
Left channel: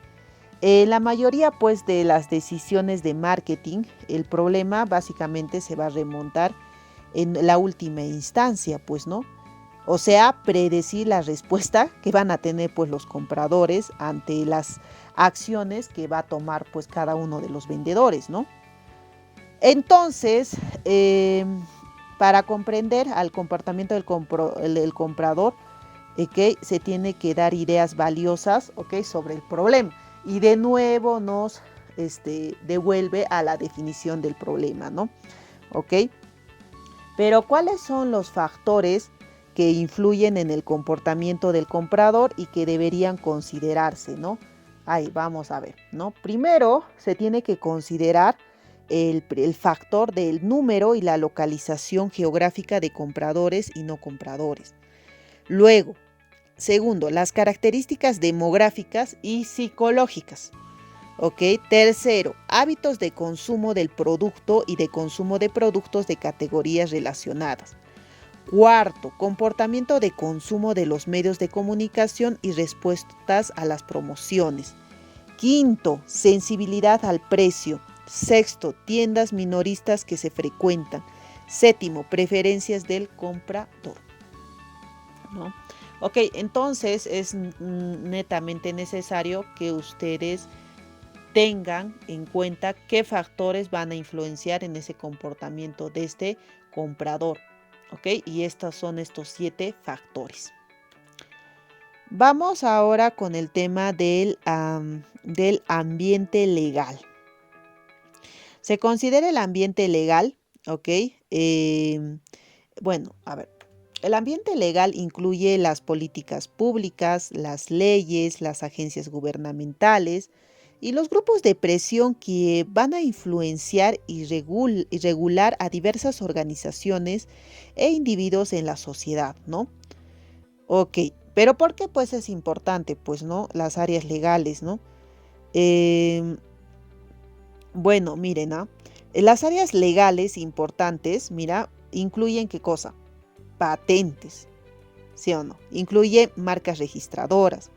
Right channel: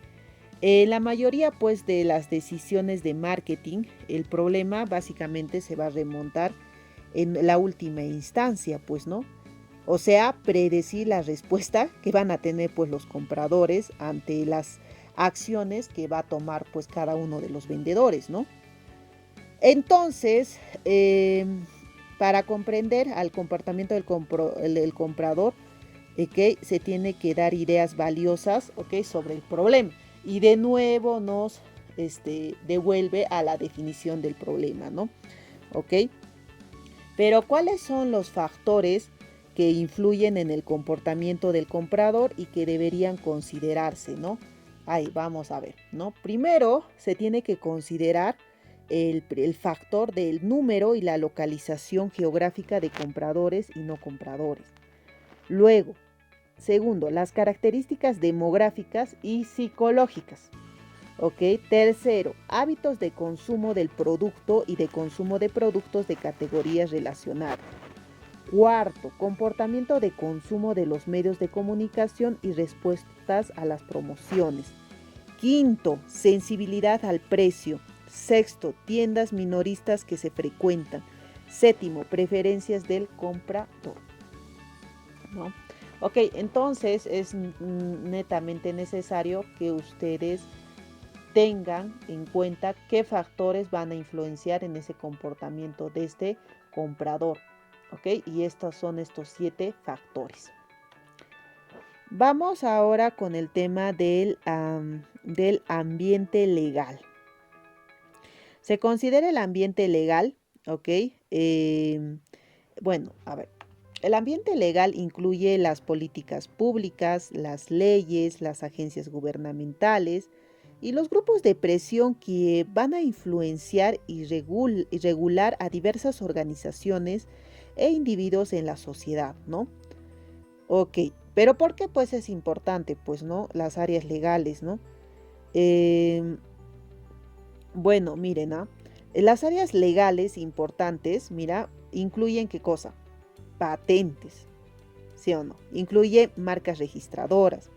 La mayoría pues de las decisiones de marketing, el problema básicamente se va a remontar en la última instancia, pues, ¿no? O sea, predecir la respuesta que van a tener pues los compradores ante las acciones que va a tomar pues cada uno de los vendedores, ¿no? Entonces, para comprender al comportamiento del comprador, que se tiene que dar ideas valiosas, ¿ok? Sobre el problema. Y de nuevo nos devuelve a la definición del problema, ¿no? ¿Ok? Pero ¿cuáles son los factores que influyen en el comportamiento del comprador y que deberían considerarse, ¿no? Ahí vamos a ver, ¿no? Primero se tiene que considerar el factor del número y la localización geográfica de compradores y no compradores. Luego, segundo, las características demográficas y psicológicas. ¿Ok? Tercero, hábitos de consumo del producto y de consumo de productos de categorías relacionadas. Cuarto, comportamiento de consumo de los medios de comunicación y respuestas a las promociones. Quinto, sensibilidad al precio. Sexto, tiendas minoristas que se frecuentan. Séptimo, preferencias del comprador, ¿no? Ok, entonces es netamente necesario que ustedes tengan en cuenta qué factores van a influenciar en ese comportamiento de este comprador. ¿Ok? Y estos son estos 7 factores. Vamos ahora con el tema del ambiente legal. Se considera el ambiente legal, ¿ok? Bueno, a ver. El ambiente legal incluye las políticas públicas, las leyes, las agencias gubernamentales y los grupos de presión que van a influenciar y regular a diversas organizaciones e individuos en la sociedad, ¿no? Ok, pero ¿por qué pues es importante? Pues, ¿no? Las áreas legales, ¿no? Bueno, miren, ¿no? Las áreas legales importantes, mira, incluyen ¿qué cosa? Patentes, ¿sí o no? Incluye marcas registradoras,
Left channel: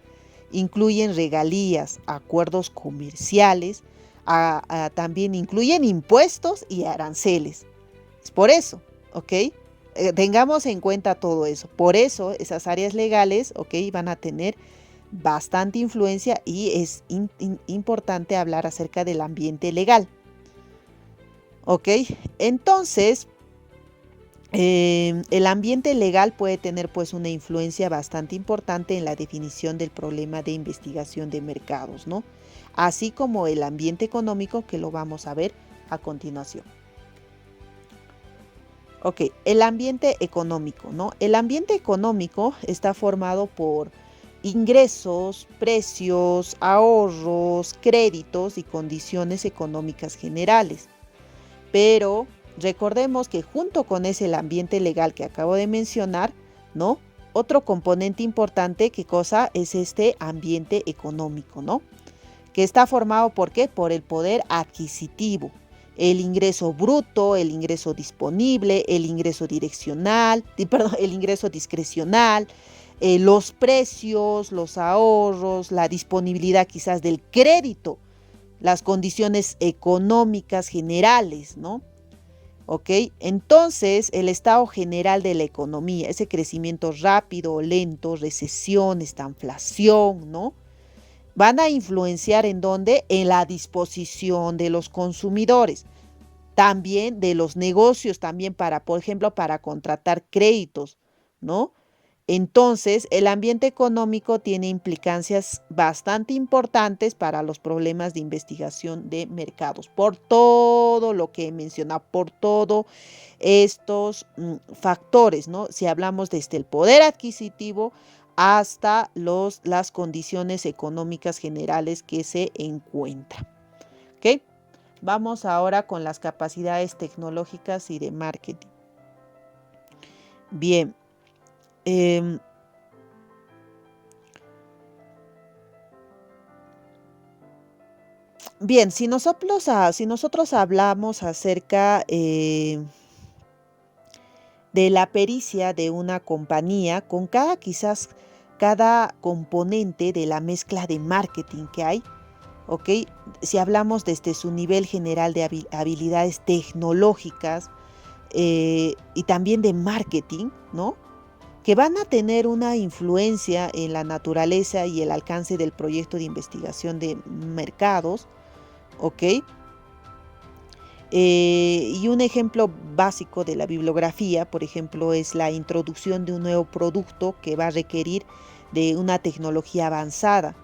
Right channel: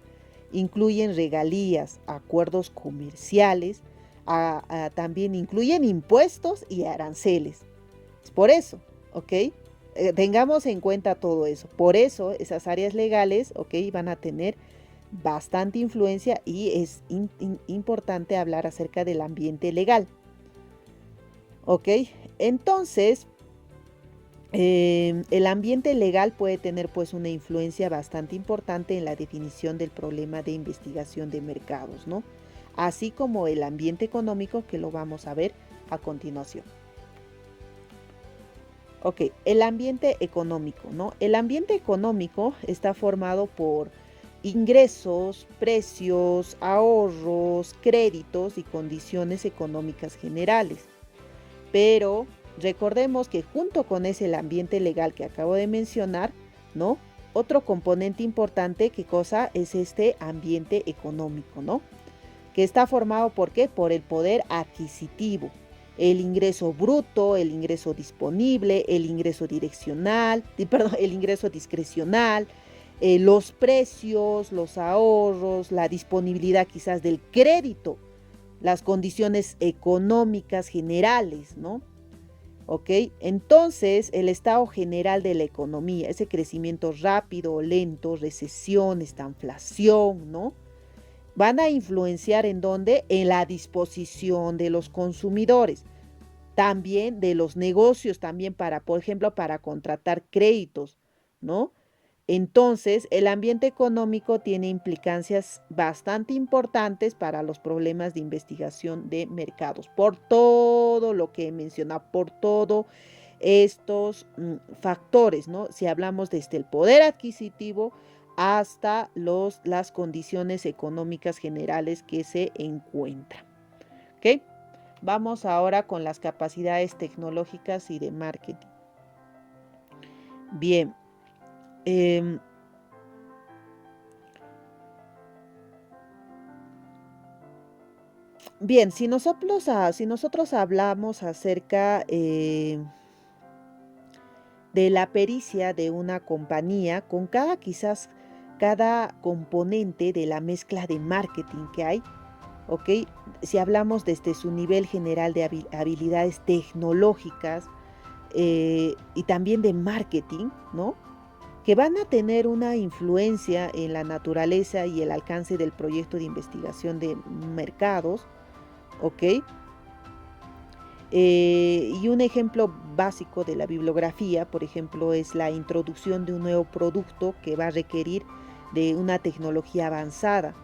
incluyen regalías, acuerdos comerciales, también incluyen impuestos y aranceles. Es por eso, ¿ok? Tengamos en cuenta todo eso. Por eso esas áreas legales, ¿ok? Van a tener bastante influencia y es importante hablar acerca del ambiente legal, ¿ok? Entonces, el ambiente legal puede tener pues una influencia bastante importante en la definición del problema de investigación de mercados, ¿no? Así como el ambiente económico, que lo vamos a ver a continuación. Ok, el ambiente económico, ¿no? El ambiente económico está formado por ingresos, precios, ahorros, créditos y condiciones económicas generales. Pero recordemos que junto con ese el ambiente legal que acabo de mencionar, ¿no? Otro componente importante, ¿qué cosa? Es este ambiente económico, ¿no? Que está formado ¿por qué? Por el poder adquisitivo, el ingreso bruto, el ingreso disponible, el ingreso direccional, perdón, el ingreso discrecional, los precios, los ahorros, la disponibilidad quizás del crédito, las condiciones económicas generales, ¿no? ¿Ok? Entonces, el estado general de la economía, ese crecimiento rápido o lento, recesión, estanflación, ¿no? Van a influenciar en dónde? En la disposición de los consumidores, también de los negocios, también para, por ejemplo, para contratar créditos, ¿no? Entonces, el ambiente económico tiene implicancias bastante importantes para los problemas de investigación de mercados, por todo lo que he mencionado, por todos estos factores, ¿no? Si hablamos desde el poder adquisitivo hasta las condiciones económicas generales que se encuentran. ¿Ok? Vamos ahora con las capacidades tecnológicas y de marketing. Bien. Bien, si nosotros hablamos acerca de la pericia de una compañía, con quizás cada componente de la mezcla de marketing que hay, ¿ok? Si hablamos desde su nivel general de habilidades tecnológicas y también de marketing, ¿no? Que van a tener una influencia en la naturaleza y el alcance del proyecto de investigación de mercados, ¿ok? Y un ejemplo básico de la bibliografía, por ejemplo, es la introducción de un nuevo producto que va a requerir de una tecnología avanzada,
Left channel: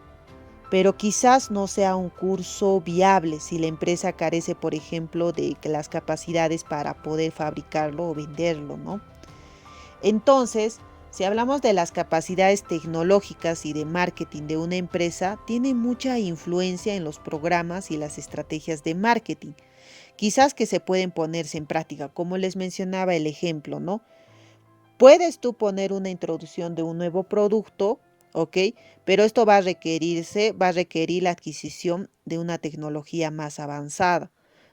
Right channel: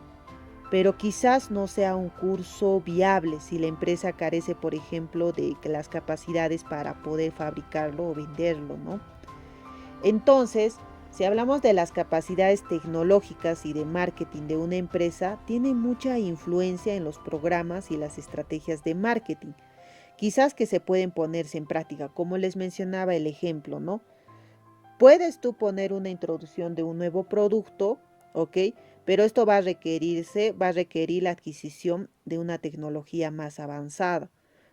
pero quizás no sea un curso viable si la empresa carece, por ejemplo, de las capacidades para poder fabricarlo o venderlo, ¿no? Entonces, si hablamos de las capacidades tecnológicas y de marketing de una empresa, tiene mucha influencia en los programas y las estrategias de marketing, quizás que se pueden ponerse en práctica, como les mencionaba el ejemplo, ¿no? Puedes tú poner una introducción de un nuevo producto, ¿ok? Pero esto va a requerir la adquisición de una tecnología más avanzada,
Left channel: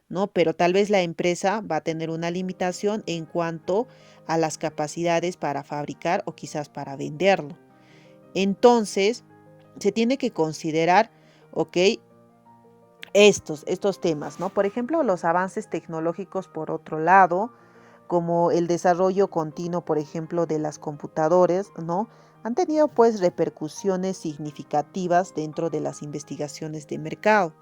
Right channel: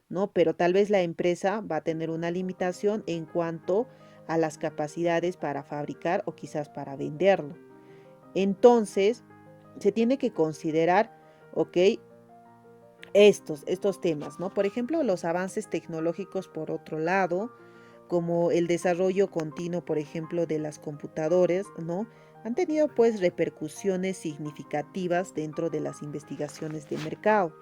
¿no? Pero tal vez la empresa va a tener una limitación en cuanto a las capacidades para fabricar o quizás para venderlo. Entonces, se tiene que considerar, ¿ok? Estos temas, ¿no? Por ejemplo, los avances tecnológicos, por otro lado, como el desarrollo continuo, por ejemplo, de las computadoras, ¿no? Han tenido pues repercusiones significativas dentro de las investigaciones de mercado.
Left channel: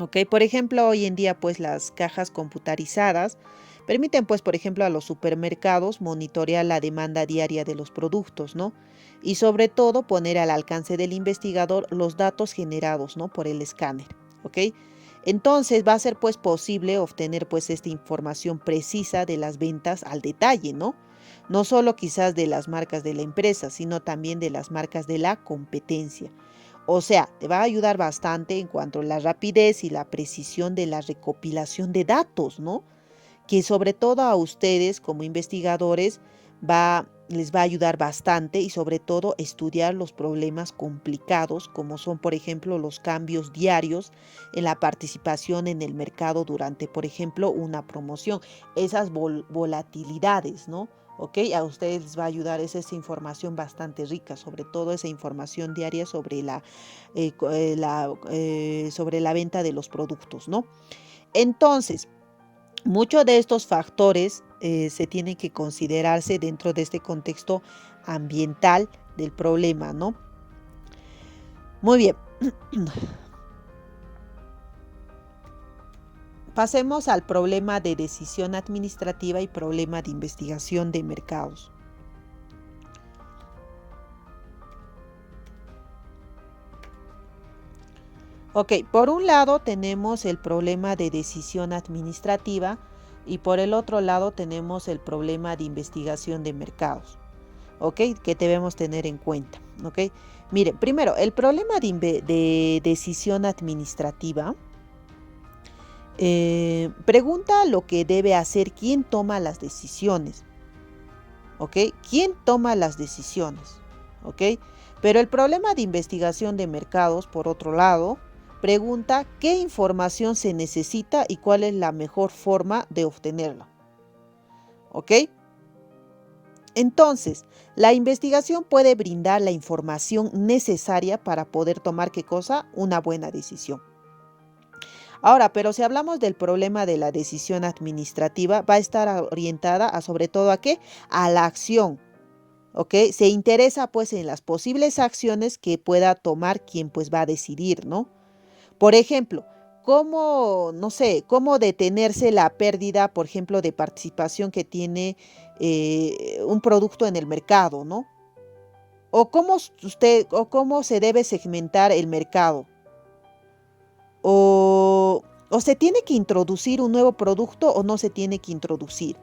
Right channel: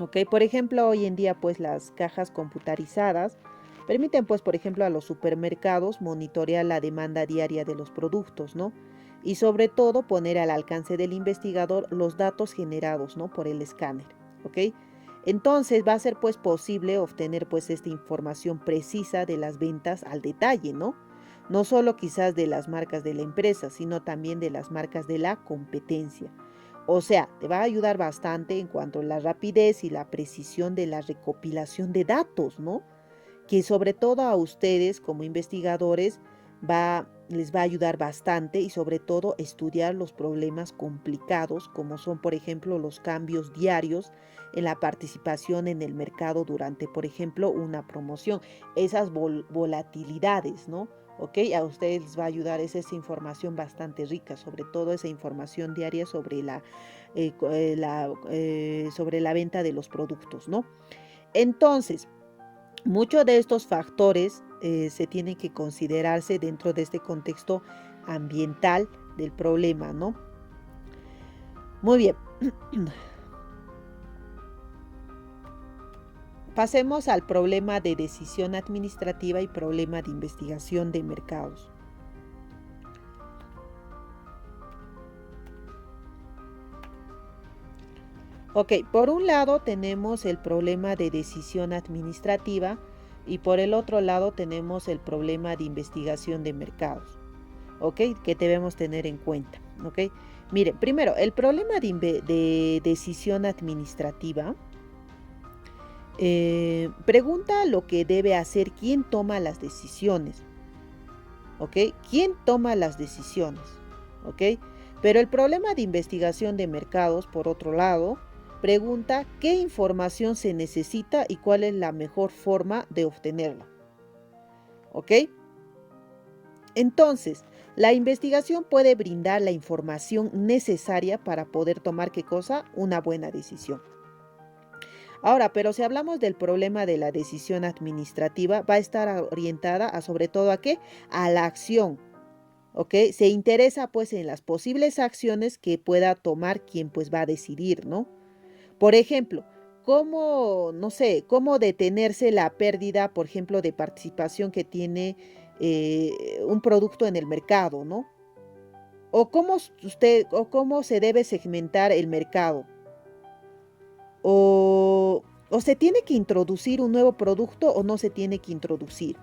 ¿Ok? Por ejemplo, hoy en día pues las cajas computarizadas permiten pues por ejemplo a los supermercados monitorear la demanda diaria de los productos, ¿no? Y sobre todo poner al alcance del investigador los datos generados, ¿no? Por el escáner, ¿ok? Entonces va a ser pues posible obtener pues esta información precisa de las ventas al detalle, ¿no? No solo quizás de las marcas de la empresa, sino también de las marcas de la competencia. O sea, te va a ayudar bastante en cuanto a la rapidez y la precisión de la recopilación de datos, ¿no? Que sobre todo a ustedes como investigadores les va a ayudar bastante, y sobre todo estudiar los problemas complicados como son, por ejemplo, los cambios diarios en la participación en el mercado durante, por ejemplo, una promoción, esas volatilidades, ¿no? ¿Ok? A ustedes les va a ayudar, esa información bastante rica, sobre todo esa información diaria sobre sobre la venta de los productos, ¿no? Entonces, muchos de estos factores se tienen que considerarse dentro de este contexto ambiental del problema, ¿no? Muy bien. Pasemos al problema de decisión administrativa y problema de investigación de mercados. Ok, por un lado tenemos el problema de decisión administrativa y por el otro lado tenemos el problema de investigación de mercados, ok, que debemos tener en cuenta, ok. Mire, primero, el problema de decisión administrativa pregunta lo que debe hacer quien toma las decisiones, ok, quién toma las decisiones, ok. Pero el problema de investigación de mercados, por otro lado, pregunta qué información se necesita y cuál es la mejor forma de obtenerla. ¿Ok? Entonces, la investigación puede brindar la información necesaria para poder tomar, ¿qué cosa? Una buena decisión. Ahora, pero si hablamos del problema de la decisión administrativa, va a estar orientada a, sobre todo, ¿a qué? A la acción. ¿Ok? Se interesa pues en las posibles acciones que pueda tomar quien pues va a decidir, ¿no? Por ejemplo, cómo, no sé, cómo detenerse la pérdida, por ejemplo, de participación que tiene un producto en el mercado, ¿no? O cómo se debe segmentar el mercado. O se tiene que introducir un nuevo producto o no se tiene que introducir.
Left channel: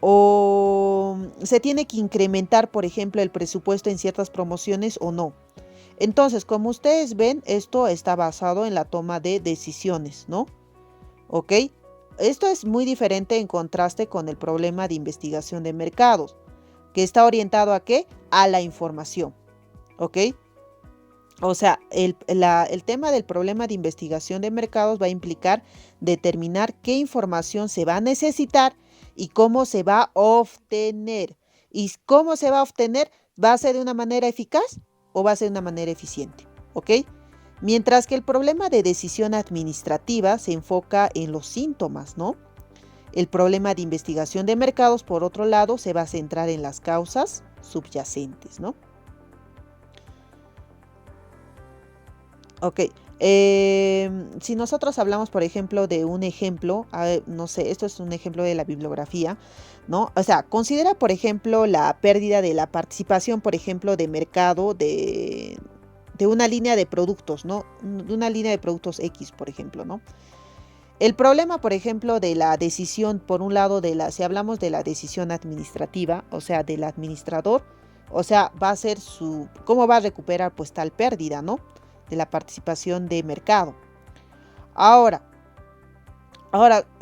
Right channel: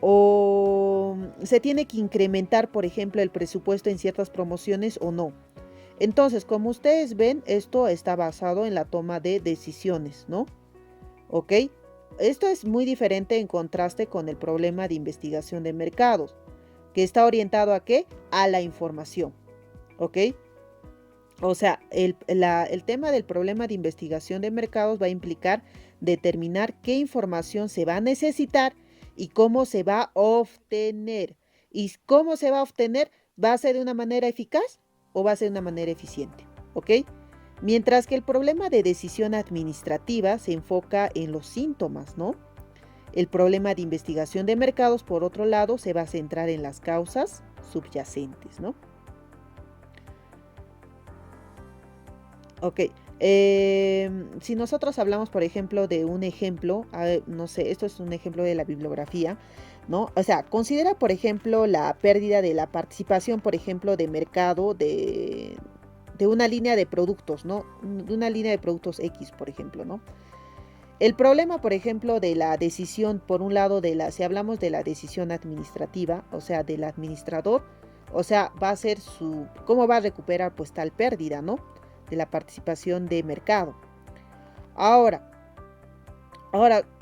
O se tiene que incrementar, por ejemplo, el presupuesto en ciertas promociones o no. Entonces, como ustedes ven, esto está basado en la toma de decisiones, ¿no? ¿Ok? Esto es muy diferente en contraste con el problema de investigación de mercados, que está orientado ¿a qué? A la información, ¿ok? O sea, el tema del problema de investigación de mercados va a implicar determinar qué información se va a necesitar y cómo se va a obtener. ¿Y cómo se va a obtener? ¿Va a ser de una manera eficaz o va a ser de una manera eficiente? ¿Ok? Mientras que el problema de decisión administrativa se enfoca en los síntomas, ¿no? El problema de investigación de mercados, por otro lado, se va a centrar en las causas subyacentes, ¿no? Ok. Si nosotros hablamos, por ejemplo, de un ejemplo, no sé, esto es un ejemplo de la bibliografía, ¿no? O sea, considera, por ejemplo, la pérdida de la participación, por ejemplo, de mercado de una línea de productos, ¿no? De una línea de productos X, por ejemplo, ¿no? El problema, por ejemplo, de la decisión, por un lado, si hablamos de la decisión administrativa, o sea, del administrador, o sea, va a ser ¿cómo va a recuperar pues tal pérdida, ¿no? De la participación de mercado. Ahora,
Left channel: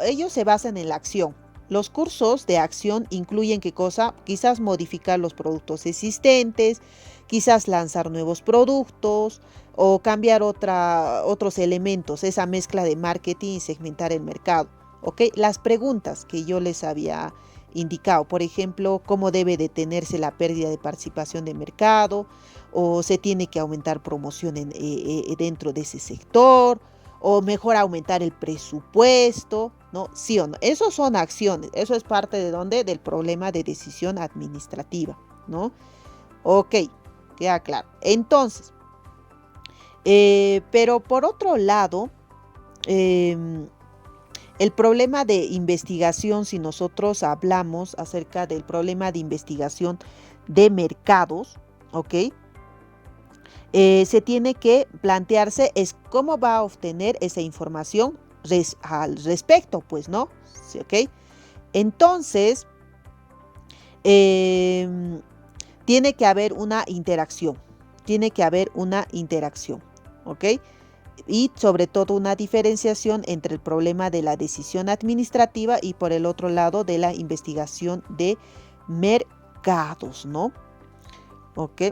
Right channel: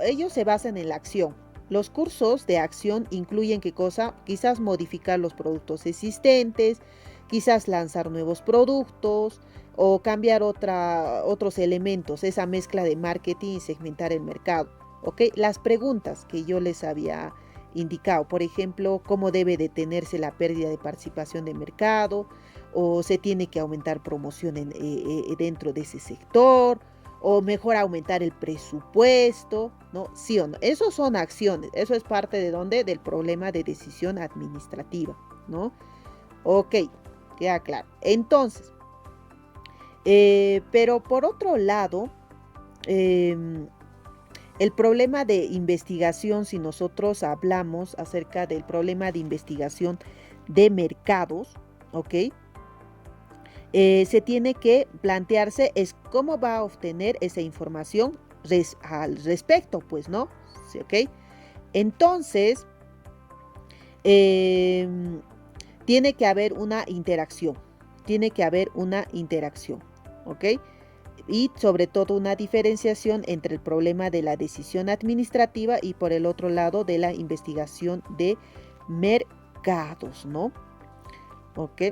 ellos se basan en la acción. Los cursos de acción incluyen ¿qué cosa? Quizás modificar los productos existentes, quizás lanzar nuevos productos o cambiar otros elementos, esa mezcla de marketing y segmentar el mercado. ¿Ok? Las preguntas que yo les había indicado, por ejemplo, cómo debe detenerse la pérdida de participación de mercado, o se tiene que aumentar promoción dentro de ese sector, o mejor aumentar el presupuesto, ¿no? Sí o no. Eso son acciones, eso es parte de dónde, del problema de decisión administrativa, ¿no? Ok, queda claro. Entonces, pero por otro lado, el problema de investigación, si nosotros hablamos acerca del problema de investigación de mercados, ¿ok? Se tiene que plantearse es cómo va a obtener esa información al respecto, pues, ¿no? Sí, ¿ok? Entonces, tiene que haber una interacción, ¿ok? Y sobre todo una diferenciación entre el problema de la decisión administrativa y por el otro lado de la investigación de mercados, ¿no? ¿Ok?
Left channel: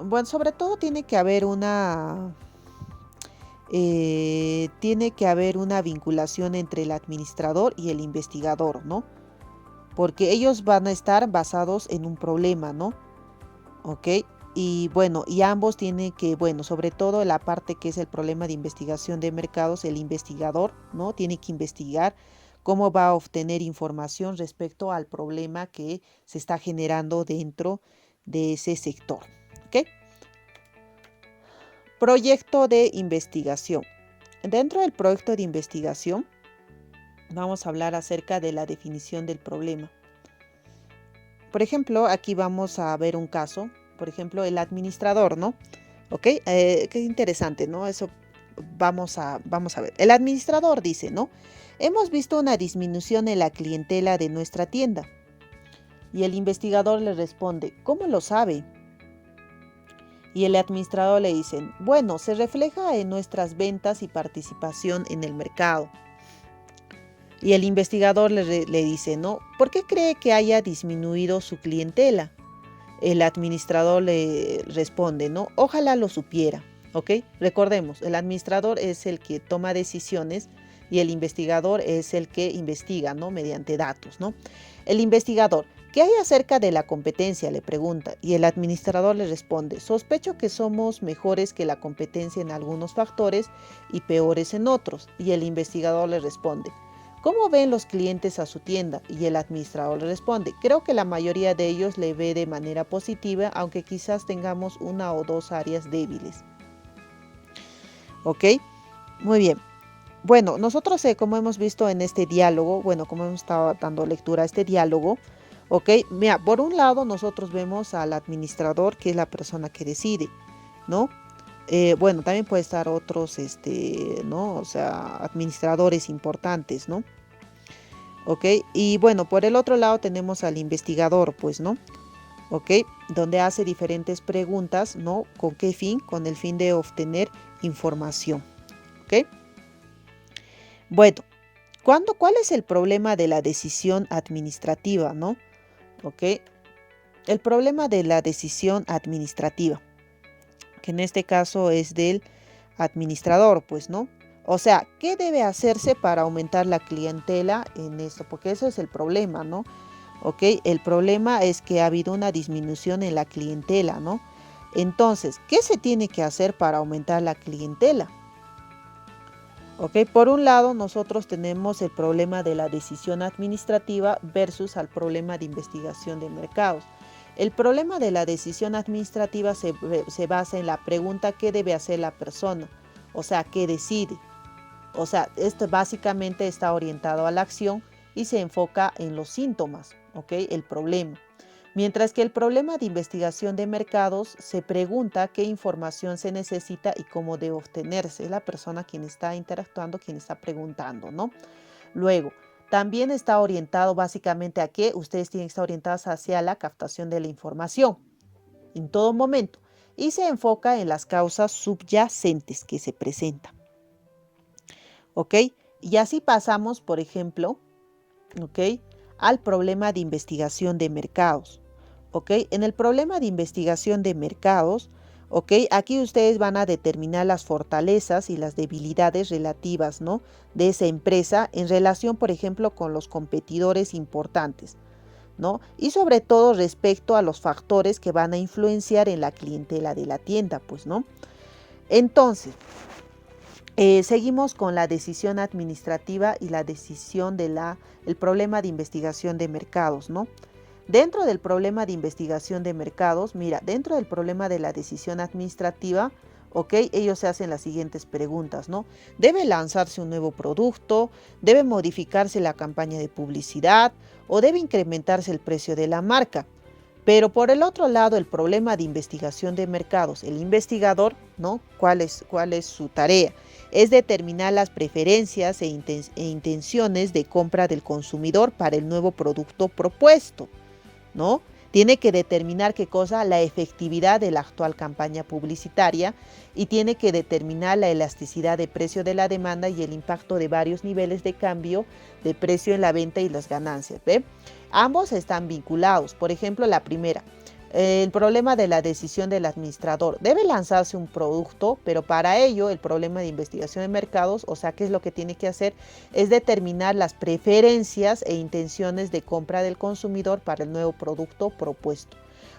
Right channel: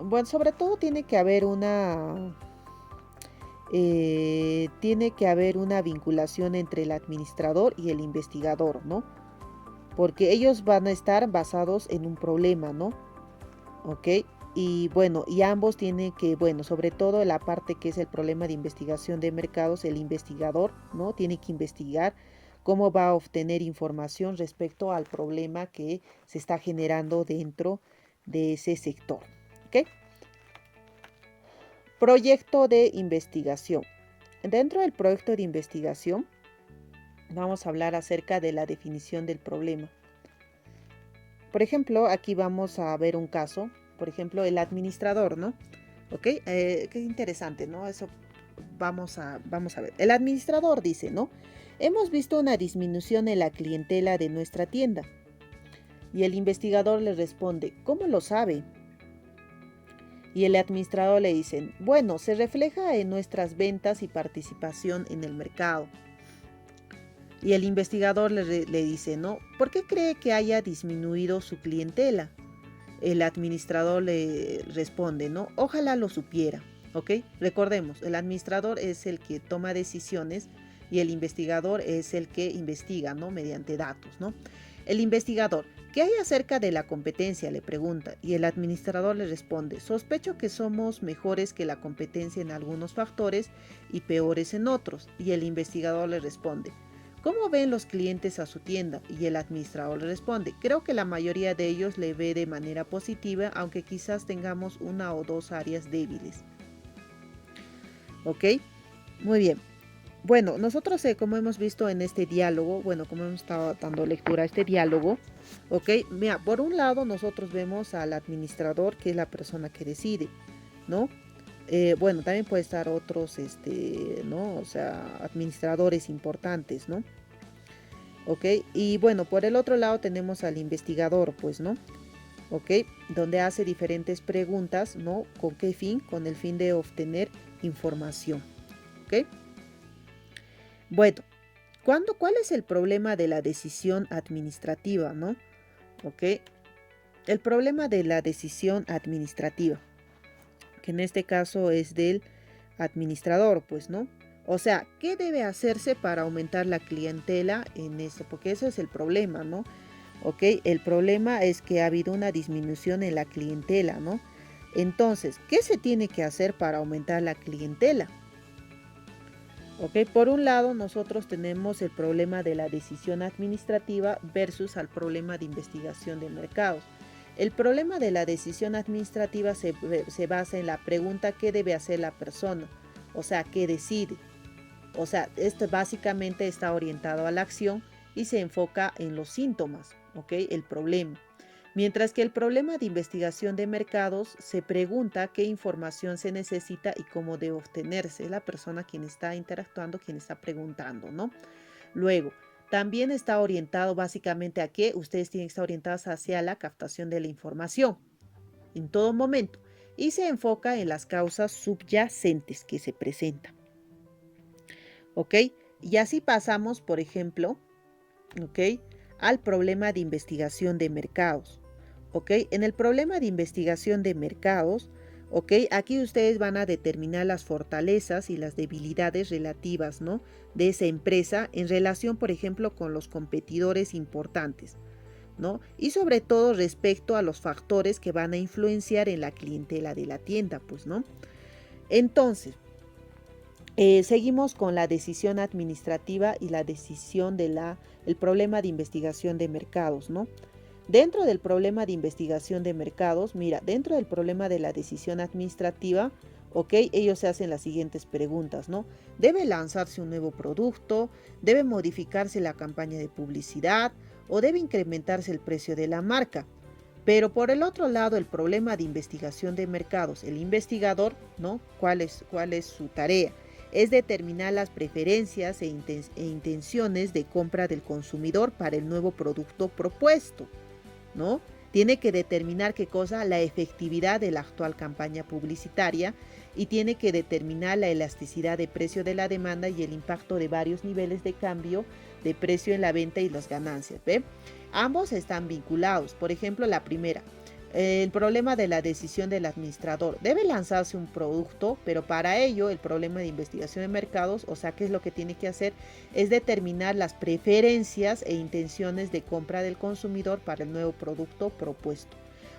Bueno, sobre todo tiene que haber una vinculación entre el administrador y el investigador, ¿no? Porque ellos van a estar basados en un problema, ¿no? ¿Ok? Y bueno, y ambos tienen que, bueno, sobre todo la parte que es el problema de investigación de mercados, el investigador, ¿no? Tiene que investigar cómo va a obtener información respecto al problema que se está generando dentro de ese sector, ¿ok? Proyecto de investigación. Dentro del proyecto de investigación, vamos a hablar acerca de la definición del problema. Por ejemplo, aquí vamos a ver un caso, por ejemplo, el administrador, ¿no? ¿Ok? Qué interesante, ¿no? Eso vamos a ver. El administrador dice, ¿no? Hemos visto una disminución en la clientela de nuestra tienda. Y el investigador le responde, ¿cómo lo sabe? Y el administrador le dice, bueno, se refleja en nuestras ventas y participación en el mercado. Y el investigador le dice, ¿no? ¿Por qué cree que haya disminuido su clientela? El administrador le responde, ¿no? Ojalá lo supiera, ¿ok? Recordemos, el administrador es el que toma decisiones y el investigador es el que investiga, ¿no? Mediante datos, ¿no? El investigador, ¿qué hay acerca de la competencia?, le pregunta, y el administrador le responde, sospecho que somos mejores que la competencia en algunos factores y peores en otros. Y el investigador le responde, ¿cómo ven los clientes a su tienda? Y el administrador le responde, creo que la mayoría de ellos le ve de manera positiva, aunque quizás tengamos una o dos áreas débiles. ¿Ok? Muy bien. Bueno, nosotros como hemos visto en este diálogo, bueno, como hemos estado dando lectura a este diálogo, ¿ok? Mira, por un lado nosotros vemos al administrador, que es la persona que decide, ¿no? Bueno, también puede estar otros, ¿no? O sea, administradores importantes, ¿no? ¿Ok? Y bueno, por el otro lado tenemos al investigador, pues, ¿no? ¿Ok? Donde hace diferentes preguntas, ¿no? ¿Con qué fin? Con el fin de obtener información, ¿ok? Bueno, ¿cuál es el problema de la decisión administrativa, no? ¿Ok? El problema de la decisión administrativa, que en este caso es del administrador, pues, ¿no? O sea, ¿qué debe hacerse para aumentar la clientela en esto? Porque eso es el problema, ¿no? ¿Ok? El problema es que ha habido una disminución en la clientela, ¿no? Entonces, ¿qué se tiene que hacer para aumentar la clientela? ¿Ok? Por un lado, nosotros tenemos el problema de la decisión administrativa versus al problema de investigación de mercados. El problema de la decisión administrativa se basa en la pregunta ¿qué debe hacer la persona? O sea, ¿qué decide? O sea, esto básicamente está orientado a la acción y se enfoca en los síntomas, ¿ok? El problema. Mientras que el problema de investigación de mercados se pregunta qué información se necesita y cómo debe obtenerse. Es la persona quien está interactuando, quien está preguntando, ¿no? Luego, también está orientado básicamente a que ustedes tienen que estar orientados hacia la captación de la información en todo momento y se enfoca en las causas subyacentes que se presentan. ¿Ok? Y así pasamos, por ejemplo, ¿ok?, al problema de investigación de mercados. ¿Ok? En el problema de investigación de mercados, ¿ok?, aquí ustedes van a determinar las fortalezas y las debilidades relativas, ¿no?, de esa empresa en relación, por ejemplo, con los competidores importantes, ¿no? Y sobre todo respecto a los factores que van a influenciar en la clientela de la tienda, pues, ¿no? Entonces, seguimos con la decisión administrativa y la decisión el problema de investigación de mercados, ¿no? Dentro del problema de investigación de mercados, mira, dentro del problema de la decisión administrativa, ¿ok? Ellos se hacen las siguientes preguntas, ¿no? ¿Debe lanzarse un nuevo producto? ¿Debe modificarse la campaña de publicidad? ¿O debe incrementarse el precio de la marca? Pero por el otro lado, el problema de investigación de mercados, el investigador, ¿no? ¿Cuál es su tarea? Es determinar las preferencias e intenciones de compra del consumidor para el nuevo producto propuesto, ¿no? Tiene que determinar qué cosa, la efectividad de la actual campaña publicitaria y tiene que determinar la elasticidad de precio de la demanda y el impacto de varios niveles de cambio de precio en la venta y las ganancias. ¿Ve? Ambos están vinculados. Por ejemplo, la primera, el problema de la decisión del administrador. Debe lanzarse un producto, pero para ello el problema de investigación de mercados, o sea, ¿qué es lo que tiene que hacer? Es determinar las preferencias e intenciones de compra del consumidor para el nuevo producto propuesto.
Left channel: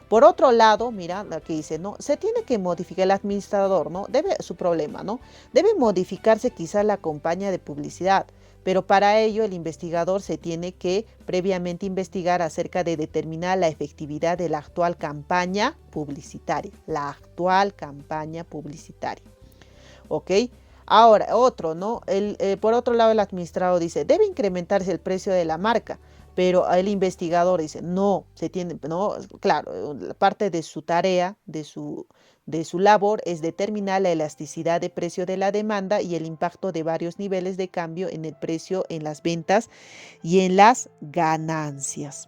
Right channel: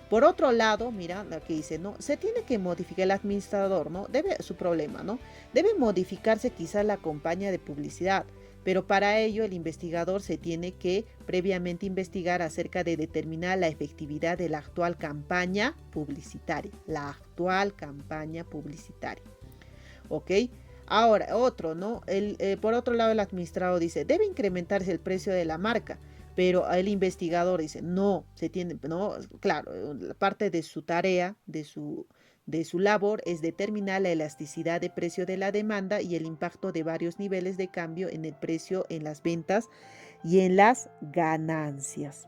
Por otro lado, mira lo que dice, ¿no? Se tiene que modificar el administrador, ¿no? Debe, su problema, ¿no? Debe modificarse quizás la campaña de publicidad, pero para ello el investigador se tiene que previamente investigar acerca de determinar la efectividad de la actual campaña publicitaria. La actual campaña publicitaria. ¿Ok? Ahora, otro, ¿no? Por otro lado, el administrador dice, debe incrementarse el precio de la marca, pero el investigador dice, no, se tiene, no, claro, parte de su tarea, de su labor es determinar la elasticidad de precio de la demanda y el impacto de varios niveles de cambio en el precio, en las ventas y en las ganancias.